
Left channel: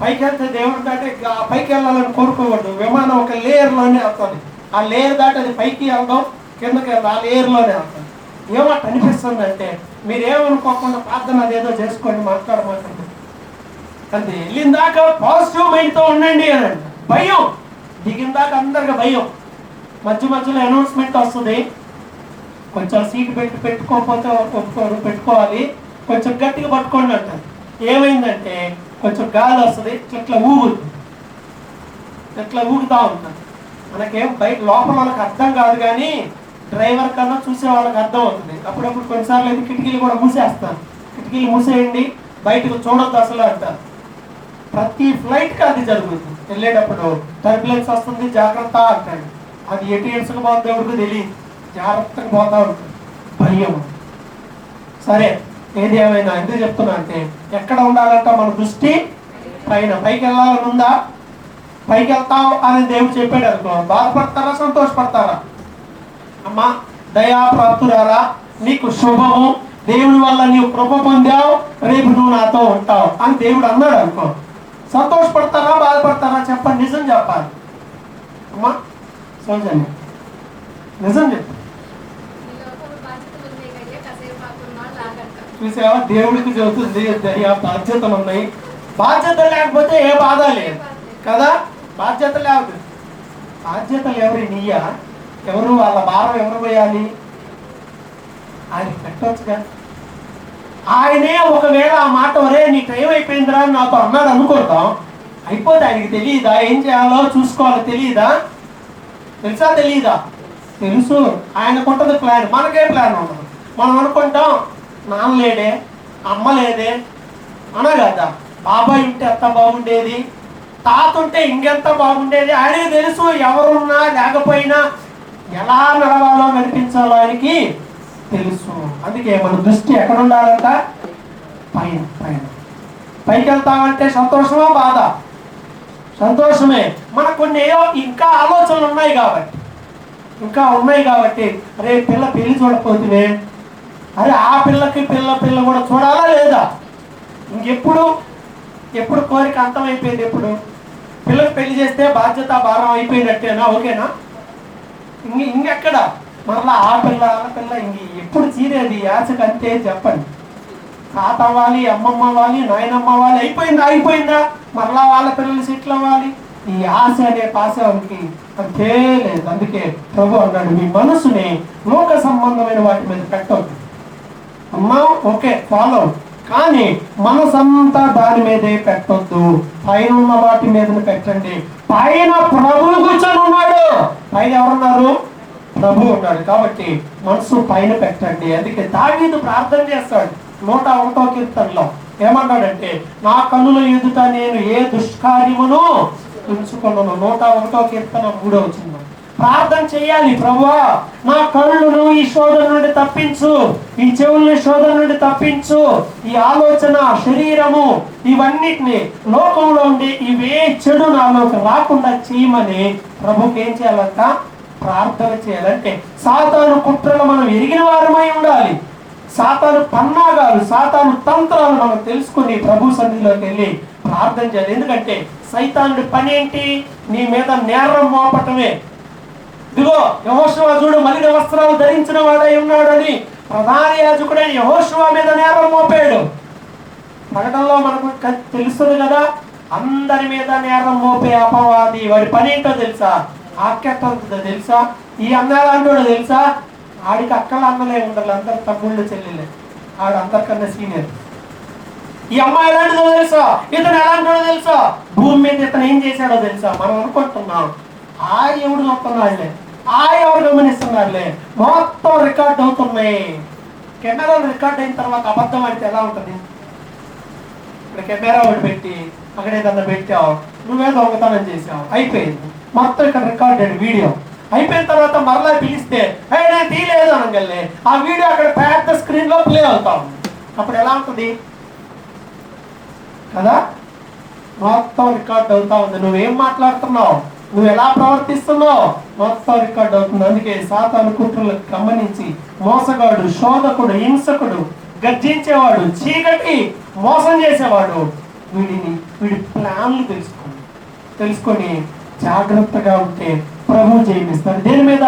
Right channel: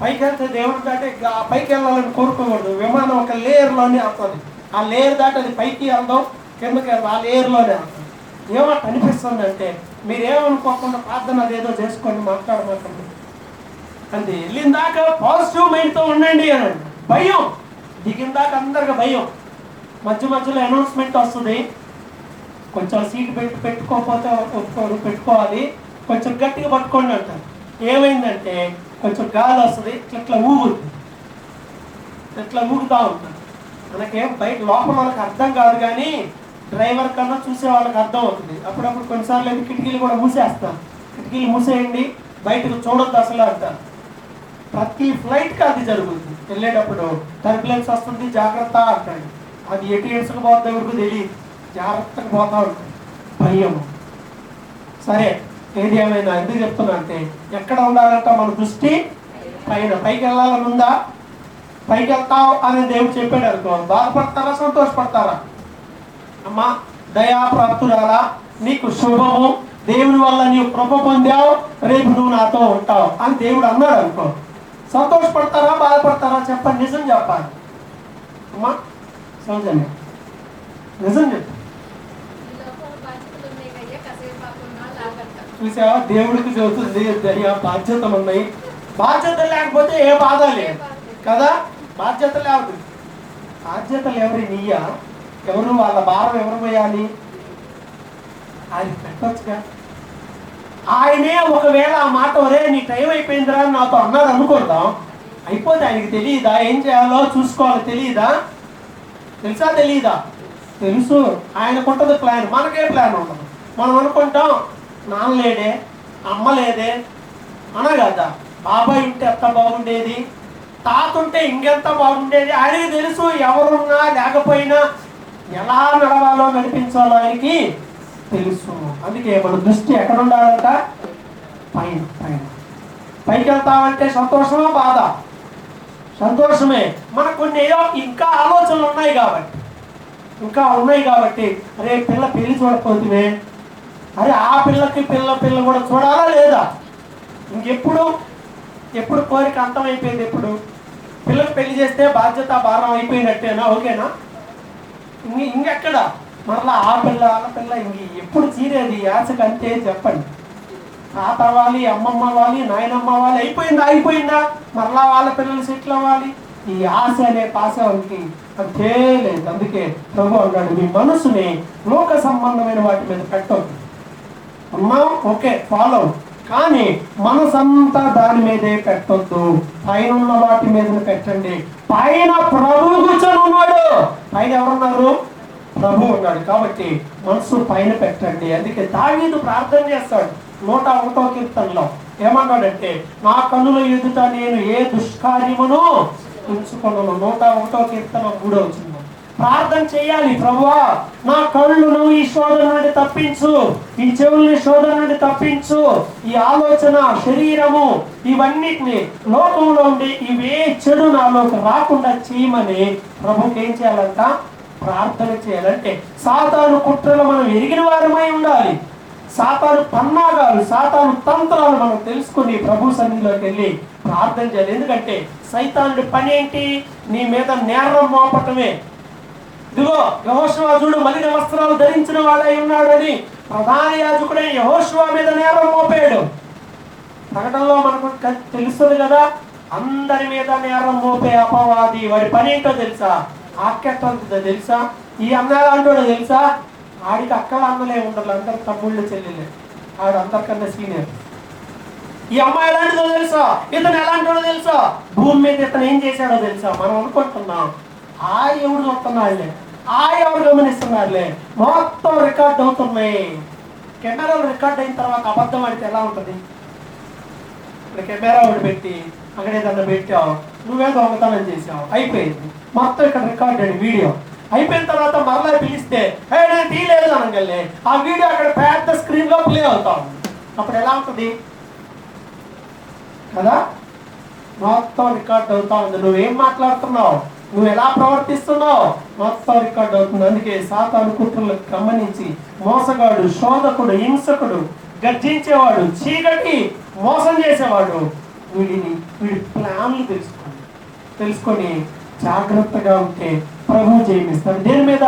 పైకి వెళ్తే దేవుడు అంటే పైకి వెళ్ళాలని కోరుకోకూడదు. విమానం ఒక లేయర్లోనే వెళ్తుంది. ఆ లేయర్ దాటి అది పైకి వెళ్దాం, కిందకి వెళ్దాం, ఆ లేయర్లోనే వెళ్తాం. ఏమంట అనిపిస్తుంది అంటే, మీరేమనుకోకుండా ప్రార్థన అదేదో చేసుకోండి, మాట్లాడమాకండి అంతే. వెళ్ళిన దాకా పాజిటివ్ మైండ్తో ఉండండి అని. భయం దిగిన దాకా అందరికి భయం. మధ్య మధ్యలో అనౌన్స్మెంట్ వస్తుంది, కొంచెం సీట్ బెల్ట్ పెట్టుకోకపోతే ఒప్పుకోరు, పెట్టుకోవాలి, కొంచెం గట్టిగా పట్టుకోండి అంటారు. ఏమైందంటే కొంచెం గాలి వస్తుంది, ఇట్లా ఊగుతుంది, ఇట్లా ఊగుతూ ఉంటారు. మనకేం బయట లోపల వాళ్ళకి అర్థం కాదు, కానీ డ్రైవర్ కన్నా చూసే వాళ్ళకి అర్థం అవుతుంది. అప్పుడప్పుడు కొన్నిసార్లు అయితే కిటికీలు కూడా మూసేస్తారు. కిటికీలు మూసేయండి, బయటకు చూడొద్దు అసలు అంటారు. ప్రతి ఫ్లైట్కి అది జరుగుతుంది. వెళ్ళేటప్పుడు టర్బులెన్స్ వస్తుంది, జాగ్రత్త అంటాడు. అది ఎటు ఏసుకు పోతే ఎవరికి తెలియదు, జాగ్రత్తగా పోతా ఉంటుంది. భయం. సరే, ఏది ఏమైనా ఎందుకు చెప్తున్నా అంటే, ఎక్కడ ఉండాలంట మన దృష్టి? పైన. పైకి వెళ్ళాలని ఉందా? పైకి వెళ్తావు అని దేవుడు చెప్పాడు అనుకో, బాధపడతారా, సంతోషపడతారా? అమ్మా దయాప్రాప్తురాలా, నీకు శుభము, దేవుడి వల్ల నీవు కృప పొందావు, రేపు నువ్వు నాతో ఉంటావు అని దేవుడు అన్నాడు అనుకో, సంతోషపడతారా, బాధపడతారా? చెప్పండి, నిజం చెప్పాలి. అమ్మా సౌజన్య, నిజం చెప్పు. చూసావా, దేవుడికి చెబుతుంది దయా, బాధ్యతలు ఉన్నాయి. బాధ్యత లేకపోతే ఏ బాధ లేదు కదా. బాధ్యత లేదు. బాధ్యతలు ఎవరి? నీయా? ఎవరు? వాళ్ళ భారం ఎవరు వేయాలి? ఆయన పెట్టొచ్చుగా. ఆయనే ఒకవేళ ఆ మాట, ఒరే నీ టైం అయిపోయిందిరా అని నాతో అన్నాడు అనుకుంటాం, అయిపోతే ఆయనకి తెలియదా ఏం చేయాలో చూసుకోవాలో? తెలియదా? తెలుసా? తెలియదా? తెలుసు. ఆయనకుంటుంది ప్లాన్, మనకే ప్లాన్ ఉండదు. మనం అనుకుంటాం నాన్న లేడే, అమ్మ లేదే అనగదా, బాబాయ్ ఉంటే ఎంత బాగుండేది, తాత ఉంటే ఇంకెంత బాగుండేది. ఆయనకి తెలుసు ఎవరున్నా లేకపోయినా ఎలా నడవాలో నడిపించాలో ఆయనకి తెలుసు. అందుకే మన దృష్టి ఎక్కడ ఉండాలంట? పైన. పైన. పైకి వెళ్తామంటే సంతోషమా, బాధ? సంతోషమే. మనకు కొన్ని ఇంకా ఆలోచనలు ఉన్నాయి కాబట్టి, అరే పిల్ల పెళ్లి చూడకపోతే, అరే ఆ పిల్లకి పిల్ల కూడా చూడాలా లేదా? ఎప్పుడు కోరిక అంతమైపోయింది? ఎప్పుడు పిల్లకి పెళ్లి చేస్తే బాధ్యత భారం అయిపోయినట్టేనా? ఓకేనా? ఇంకెక్కడ మరలా ఆ పిల్ల ఎప్పుడు చీరేది ఆశకు అంతే? చెప్పండి. తాత అవ్వాలి, అమ్మమ్మ అవ్వాలి, నాయనమ్మ అవ్వాలి, అయిపోయిందా? మరలా వాళ్ళ పిల్లలు సెటిల్ అవ్వాలి. ఈ ఆశ అనే పాశానికి అంతే లేదు. అందుకే ప్రభు అన్నాడు, మీ మనసుని లోక సంబంధమైన వాటి మీద పెట్టొద్దు. అమ్మా ఓకే ఫాలో, కానీ మనసంతా దాని మీదే పెట్టొద్దు. పైన ఉన్న వాటి మీద పెట్టండి. పైన ప్రభు కూర్చొని ఉన్నాడు. పైన ఎవరున్నారు? ప్రభు ఉన్నాడు. కాబట్టి మనసు పైన పెట్టండి. అందుకే దావీదు ప్రార్థన చేస్తాడు 101వ కీర్తనలో. ఏమన్నాడంటే, నా కన్నుల ఎదుట నేను ఏ దుష్కార్యమును ఉంచుకున్నాను. 101వ కీర్తన 3వ వచనం. ప్రార్థన చేయాలి, ప్రభువా నా కళ్ళను ఈ శోధన నుండి తప్పించు, ఈ చెవుల్ని శోధన నుండి తప్పించు, ఈ ఆలోచన, శరీరము, ఇవన్నిటిని లోకంలో ఉండి ఇవే చెడు నాలోకి రాకుండా చేయమని ప్రభుకి ఏం చేయాలంట? ప్రార్థన చేయాలంటే సాతాను కుట్రలు మనం ఎరిగిన వారమై ఉండాలి. సాతాను పన్నాగాలు, సాతాను తంత్రాలు మనం తెలుసుకుని ప్రభు సన్నిధిలోకి వెళ్ళి ప్రార్థన చేయాలి. ఎందుకంటే సైతానుడి పని ఏంటి? నీ మీద నేరం మోపటమే. ఇదిగో యెహోషువ చూడు, మలిన వస్త్రాలు ధరించిన వాడై ఉన్నాడు అని ప్రధాన యాజకుడైన యెహోషువ మీద నేరం మోపాడు. ప్రకటనలో మనకు తెలుస్తుంది కదా, అందరి మీద నేరం మోపే అపవాది. వాడి పని ఏంటో తెలుసా? ఆకెత్తంతో తెలుసా? ఈ అన్నాలు అంటాడో తెలుసా? ఆడికి అక్కల అన్నలే ఉండరు, అందరు తమ్ముళ్ళు చెల్లెలే. ఆడు అందరికన్నా సీనియర్. ఈ అమ్మాయి ఎలాంటిదో తెలుసా? ఇతను ఎలాంటిదో తెలుసా? భూమి మీద ఇతను ఏం చేశాడో తెలుసా? మనం అనుకుంటున్నాం ఎవడు చూస్తున్నాడులే, ఎవరు గమనిస్తున్నారులే, మొత్తం రికార్డ్ అవుతున్నాయి. కెమెరాలు రికార్డ్ అయిన తర్వాత అబద్ధం ఆడితే ఎలా ఉంటుంది? ఇక్కడ కెమెరా ఒకటి పెట్టి అక్కడ ఏదన్నా పెట్టావు, నువ్వే దొంగతనం చేసావు, అయిపోయింది. మొత్తం ఇక్కడ రికార్డెడ్ వీడియో అయిపోయిన తర్వాత మరలా పిలిస్తే నేను తీయలేదు అనగలే, ఆ వీడియో అక్కడ పెద్ద స్క్రీన్ లో ప్లే అవుతాం. అప్పుడు ఎలా ఉంటుంది కదా? మొత్తం రికార్డ్ అవుతా ఉంది. నువ్వేం మాట్లాడుతున్నావు, నువ్వు ఎలా ప్రవర్తిస్తున్నావు, మొత్తం రికార్డ్ అవుతుంది. అందుకే సాతాను కుట్రలకు గమనించి మోసగాడు, శోధకుడు, హింసకుడు, గర్జించేవాడు, చీకటి మోసం చేసేవాడు వీడి ప్లాన్లు తెలుసుకొని జాగ్రత్తగా ఉంటే ప్రభు జయమిస్తాడు. దేని మీద?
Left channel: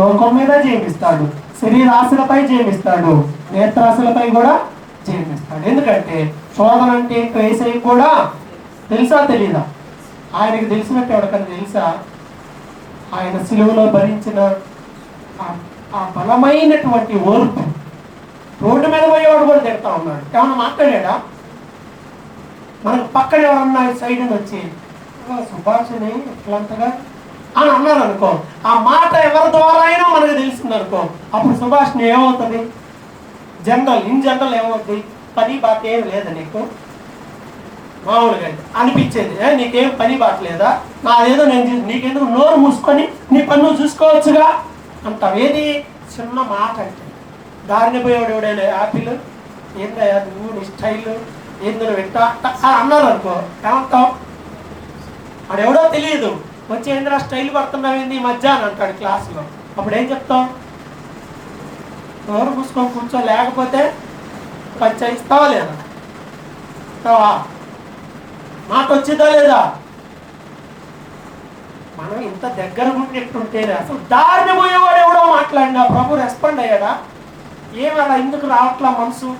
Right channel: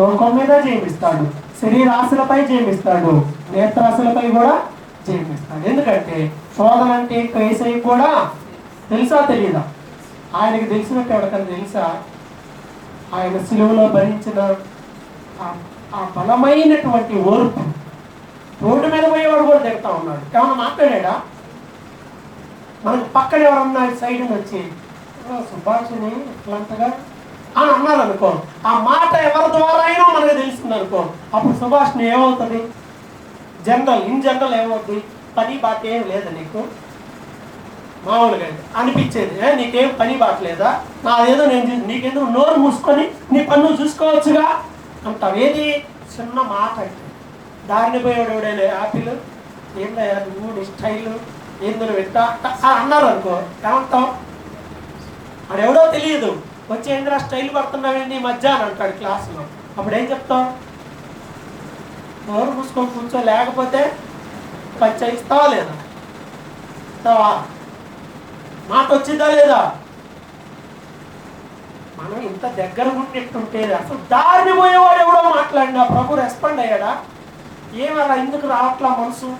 లోకం మీద జయమిస్తాడు, శరీరాశలపై జయమిస్తాడు, నేత్రాశలపై కూడా జయమిస్తాడు. ఎందుకంటే శోధన అంటే యేసయ్య కూడా తెలుసా తెలీదా? ఆయనకి తెలిసినట్టు ఎవరికన్నా తెలుసా? ఆయన సిలువలో భరించిన ఆ బలమైనటువంటి ఓర్పు. రోడ్డు మీద పోయేవాడు కూడా తిడతా ఉన్నాడు. ఏమన్నా మాట్లాడా? మనకు పక్కన ఎవరన్నా సైడ్ వచ్చి సుభాషిని ఇట్లాంతగా అని అన్నారు అనుకో, ఆ మాట ఎవరి ద్వారా అయినా మనకు తెలిసింది అనుకో, అప్పుడు సుభాషిని ఏమవుతుంది? ఇన్ జనరల్ ఏమవుతుంది? పని బాట ఏం లేదా నీకు? మామూలుగా అనిపించేది, నీకేం పని బాటలేదా? నాదేదో నేను నీకెందుకు నోరు మూసుకొని నీ పని నువ్వు చూసుకోవచ్చుగా అంటావు. ఏది? చిన్న మాట అంటే. దారిని పోయేవాడు ఎవడైనా యాపిల్ ఏందయ్యా నువ్వు, నీ స్టైల్ ఏందో పెట్టా అన్నారు అనుకో, ఏమంటావు? వాడు ఎవడో తెలియదు, వచ్చి ఏంద్రా స్టైల్ పడుతున్నావు ఈ మధ్య అని అంటాడు క్లాసులో. అప్పుడు ఏం చెప్తావు? నోరు మూసుకొని కూర్చో, లేకపోతే పంచాయిస్తావా లేదా? ఇస్తావా? మాట వచ్చిందా లేదా? మనం ఇంత దగ్గర ఉండేట్టుంటే అసలు దారిని పోయేవాడు ఎవడో మాట్లాడినా ప్రభు రెస్పాండ్ అయ్యాడా? ఏమన్నా ఎందుకు రావట్లా మనసు?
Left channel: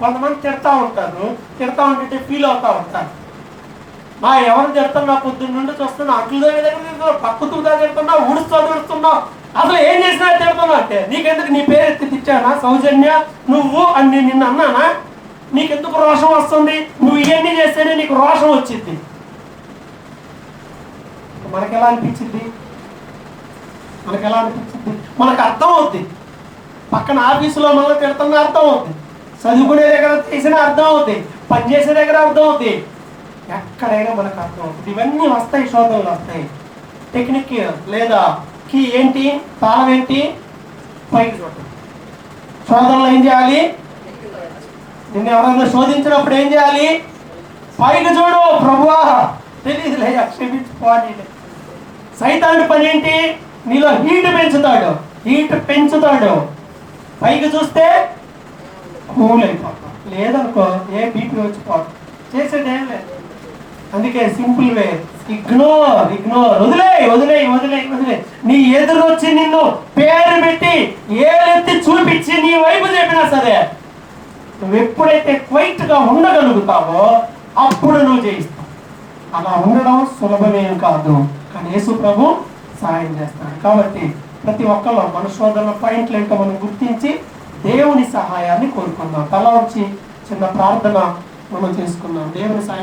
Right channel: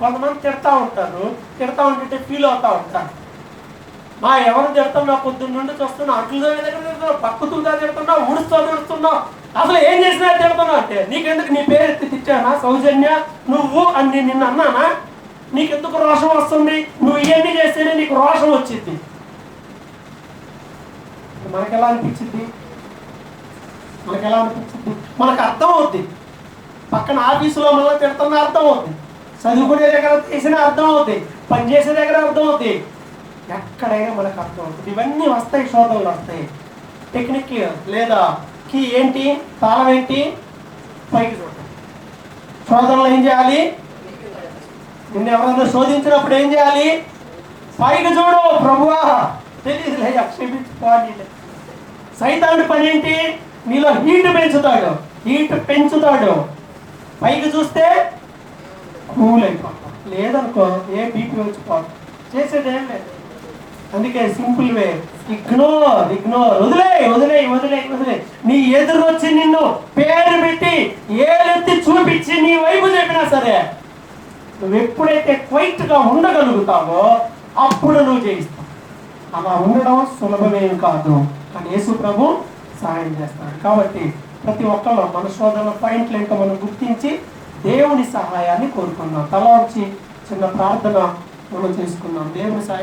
కొంతమంది తిడతా ఉంటారు, తిడతా ఉంటే ఫీల్ అవుతా ఉంటారు. ఎవరు తిడుతున్నా, పొద్దున్న నుండి చూస్తున్నా, అట్లు దగ్గర తిడుతున్నావు, పక్కుతుగా తిడుతున్నావు, ఊడుస్తున్నావు, అసలు ఏం చేసినా తిడుతున్నావు అంటే నీకెందుకు? నీ పేరు ఎత్తి తిట్టానా? సౌజన్య నువ్వు అని నిన్న అన్నానా? నీకెందుకు రోషం వస్తుంది? నువ్వు ఇవన్నీ చేస్తేనే నీకు రోషం వచ్చింది. మనకెలా అనిపించింది? మనకు అర్థం అవుద్ది. పక్కన ఆఫీసులో మనల్ని తిడుతున్నా అర్థం అవుతుంది, చదువుకునే దగ్గర చేసిన అర్థం అవుతుంది, పనిచేసే దగ్గర అర్థం అవుతుంది, ఎక్కడైనా మనకు అర్థం అవుతుంది. ఇవన్నీ వస్తాయి, శోధనలు వస్తాయి. టెక్నిక్ లేదా కీ ఏంటి? తాళం ఏంటి? పైకి చూడటం. శోధనలు ఏం చేయాలి? నిన్ను ఎవరైనా శోధించినప్పుడు ఏం చేయాలి? పైకి చూడు. ప్రభువా తెలియదులే, క్షమించుకోవాలి. సైతాను పని ఏంటి? నీలో హీట్ పెంచుతాడు. పైకి చూస్తే కూల్ అయిపోతాం, లేదనుకో ఏ బీపీ వచ్చిపోతాం. చేసేది ఏం లేదు. అందుకే సింపుల్ వే, ఇగ్నోర్. వదిలే. నీ ఎదురొచ్చి నిన్ను పేరు పెట్టి ఏలెత్తి చూపించి నీ వైపు చెప్పినా సరే, నువ్వు ఎప్పుడైతే క్వైట్ గా ఉండగలుగుతావో అప్పుడు నువ్వు జయిస్తావు. అలా ఉండడం సులభమేం కాదు, కానీ యేసు ప్రభు సహాయం చేస్తాడు. కాబట్టి ప్రతి ఒక్కరు మన శోధన పాయింట్లు ఏంటో మనం గుర్తించి దేవుని సహాయాన్ని కోరుకుందాం. తల వచ్చి చిన్న ప్రార్థన మనం చేసుకుందాం. దేవుని సహాయం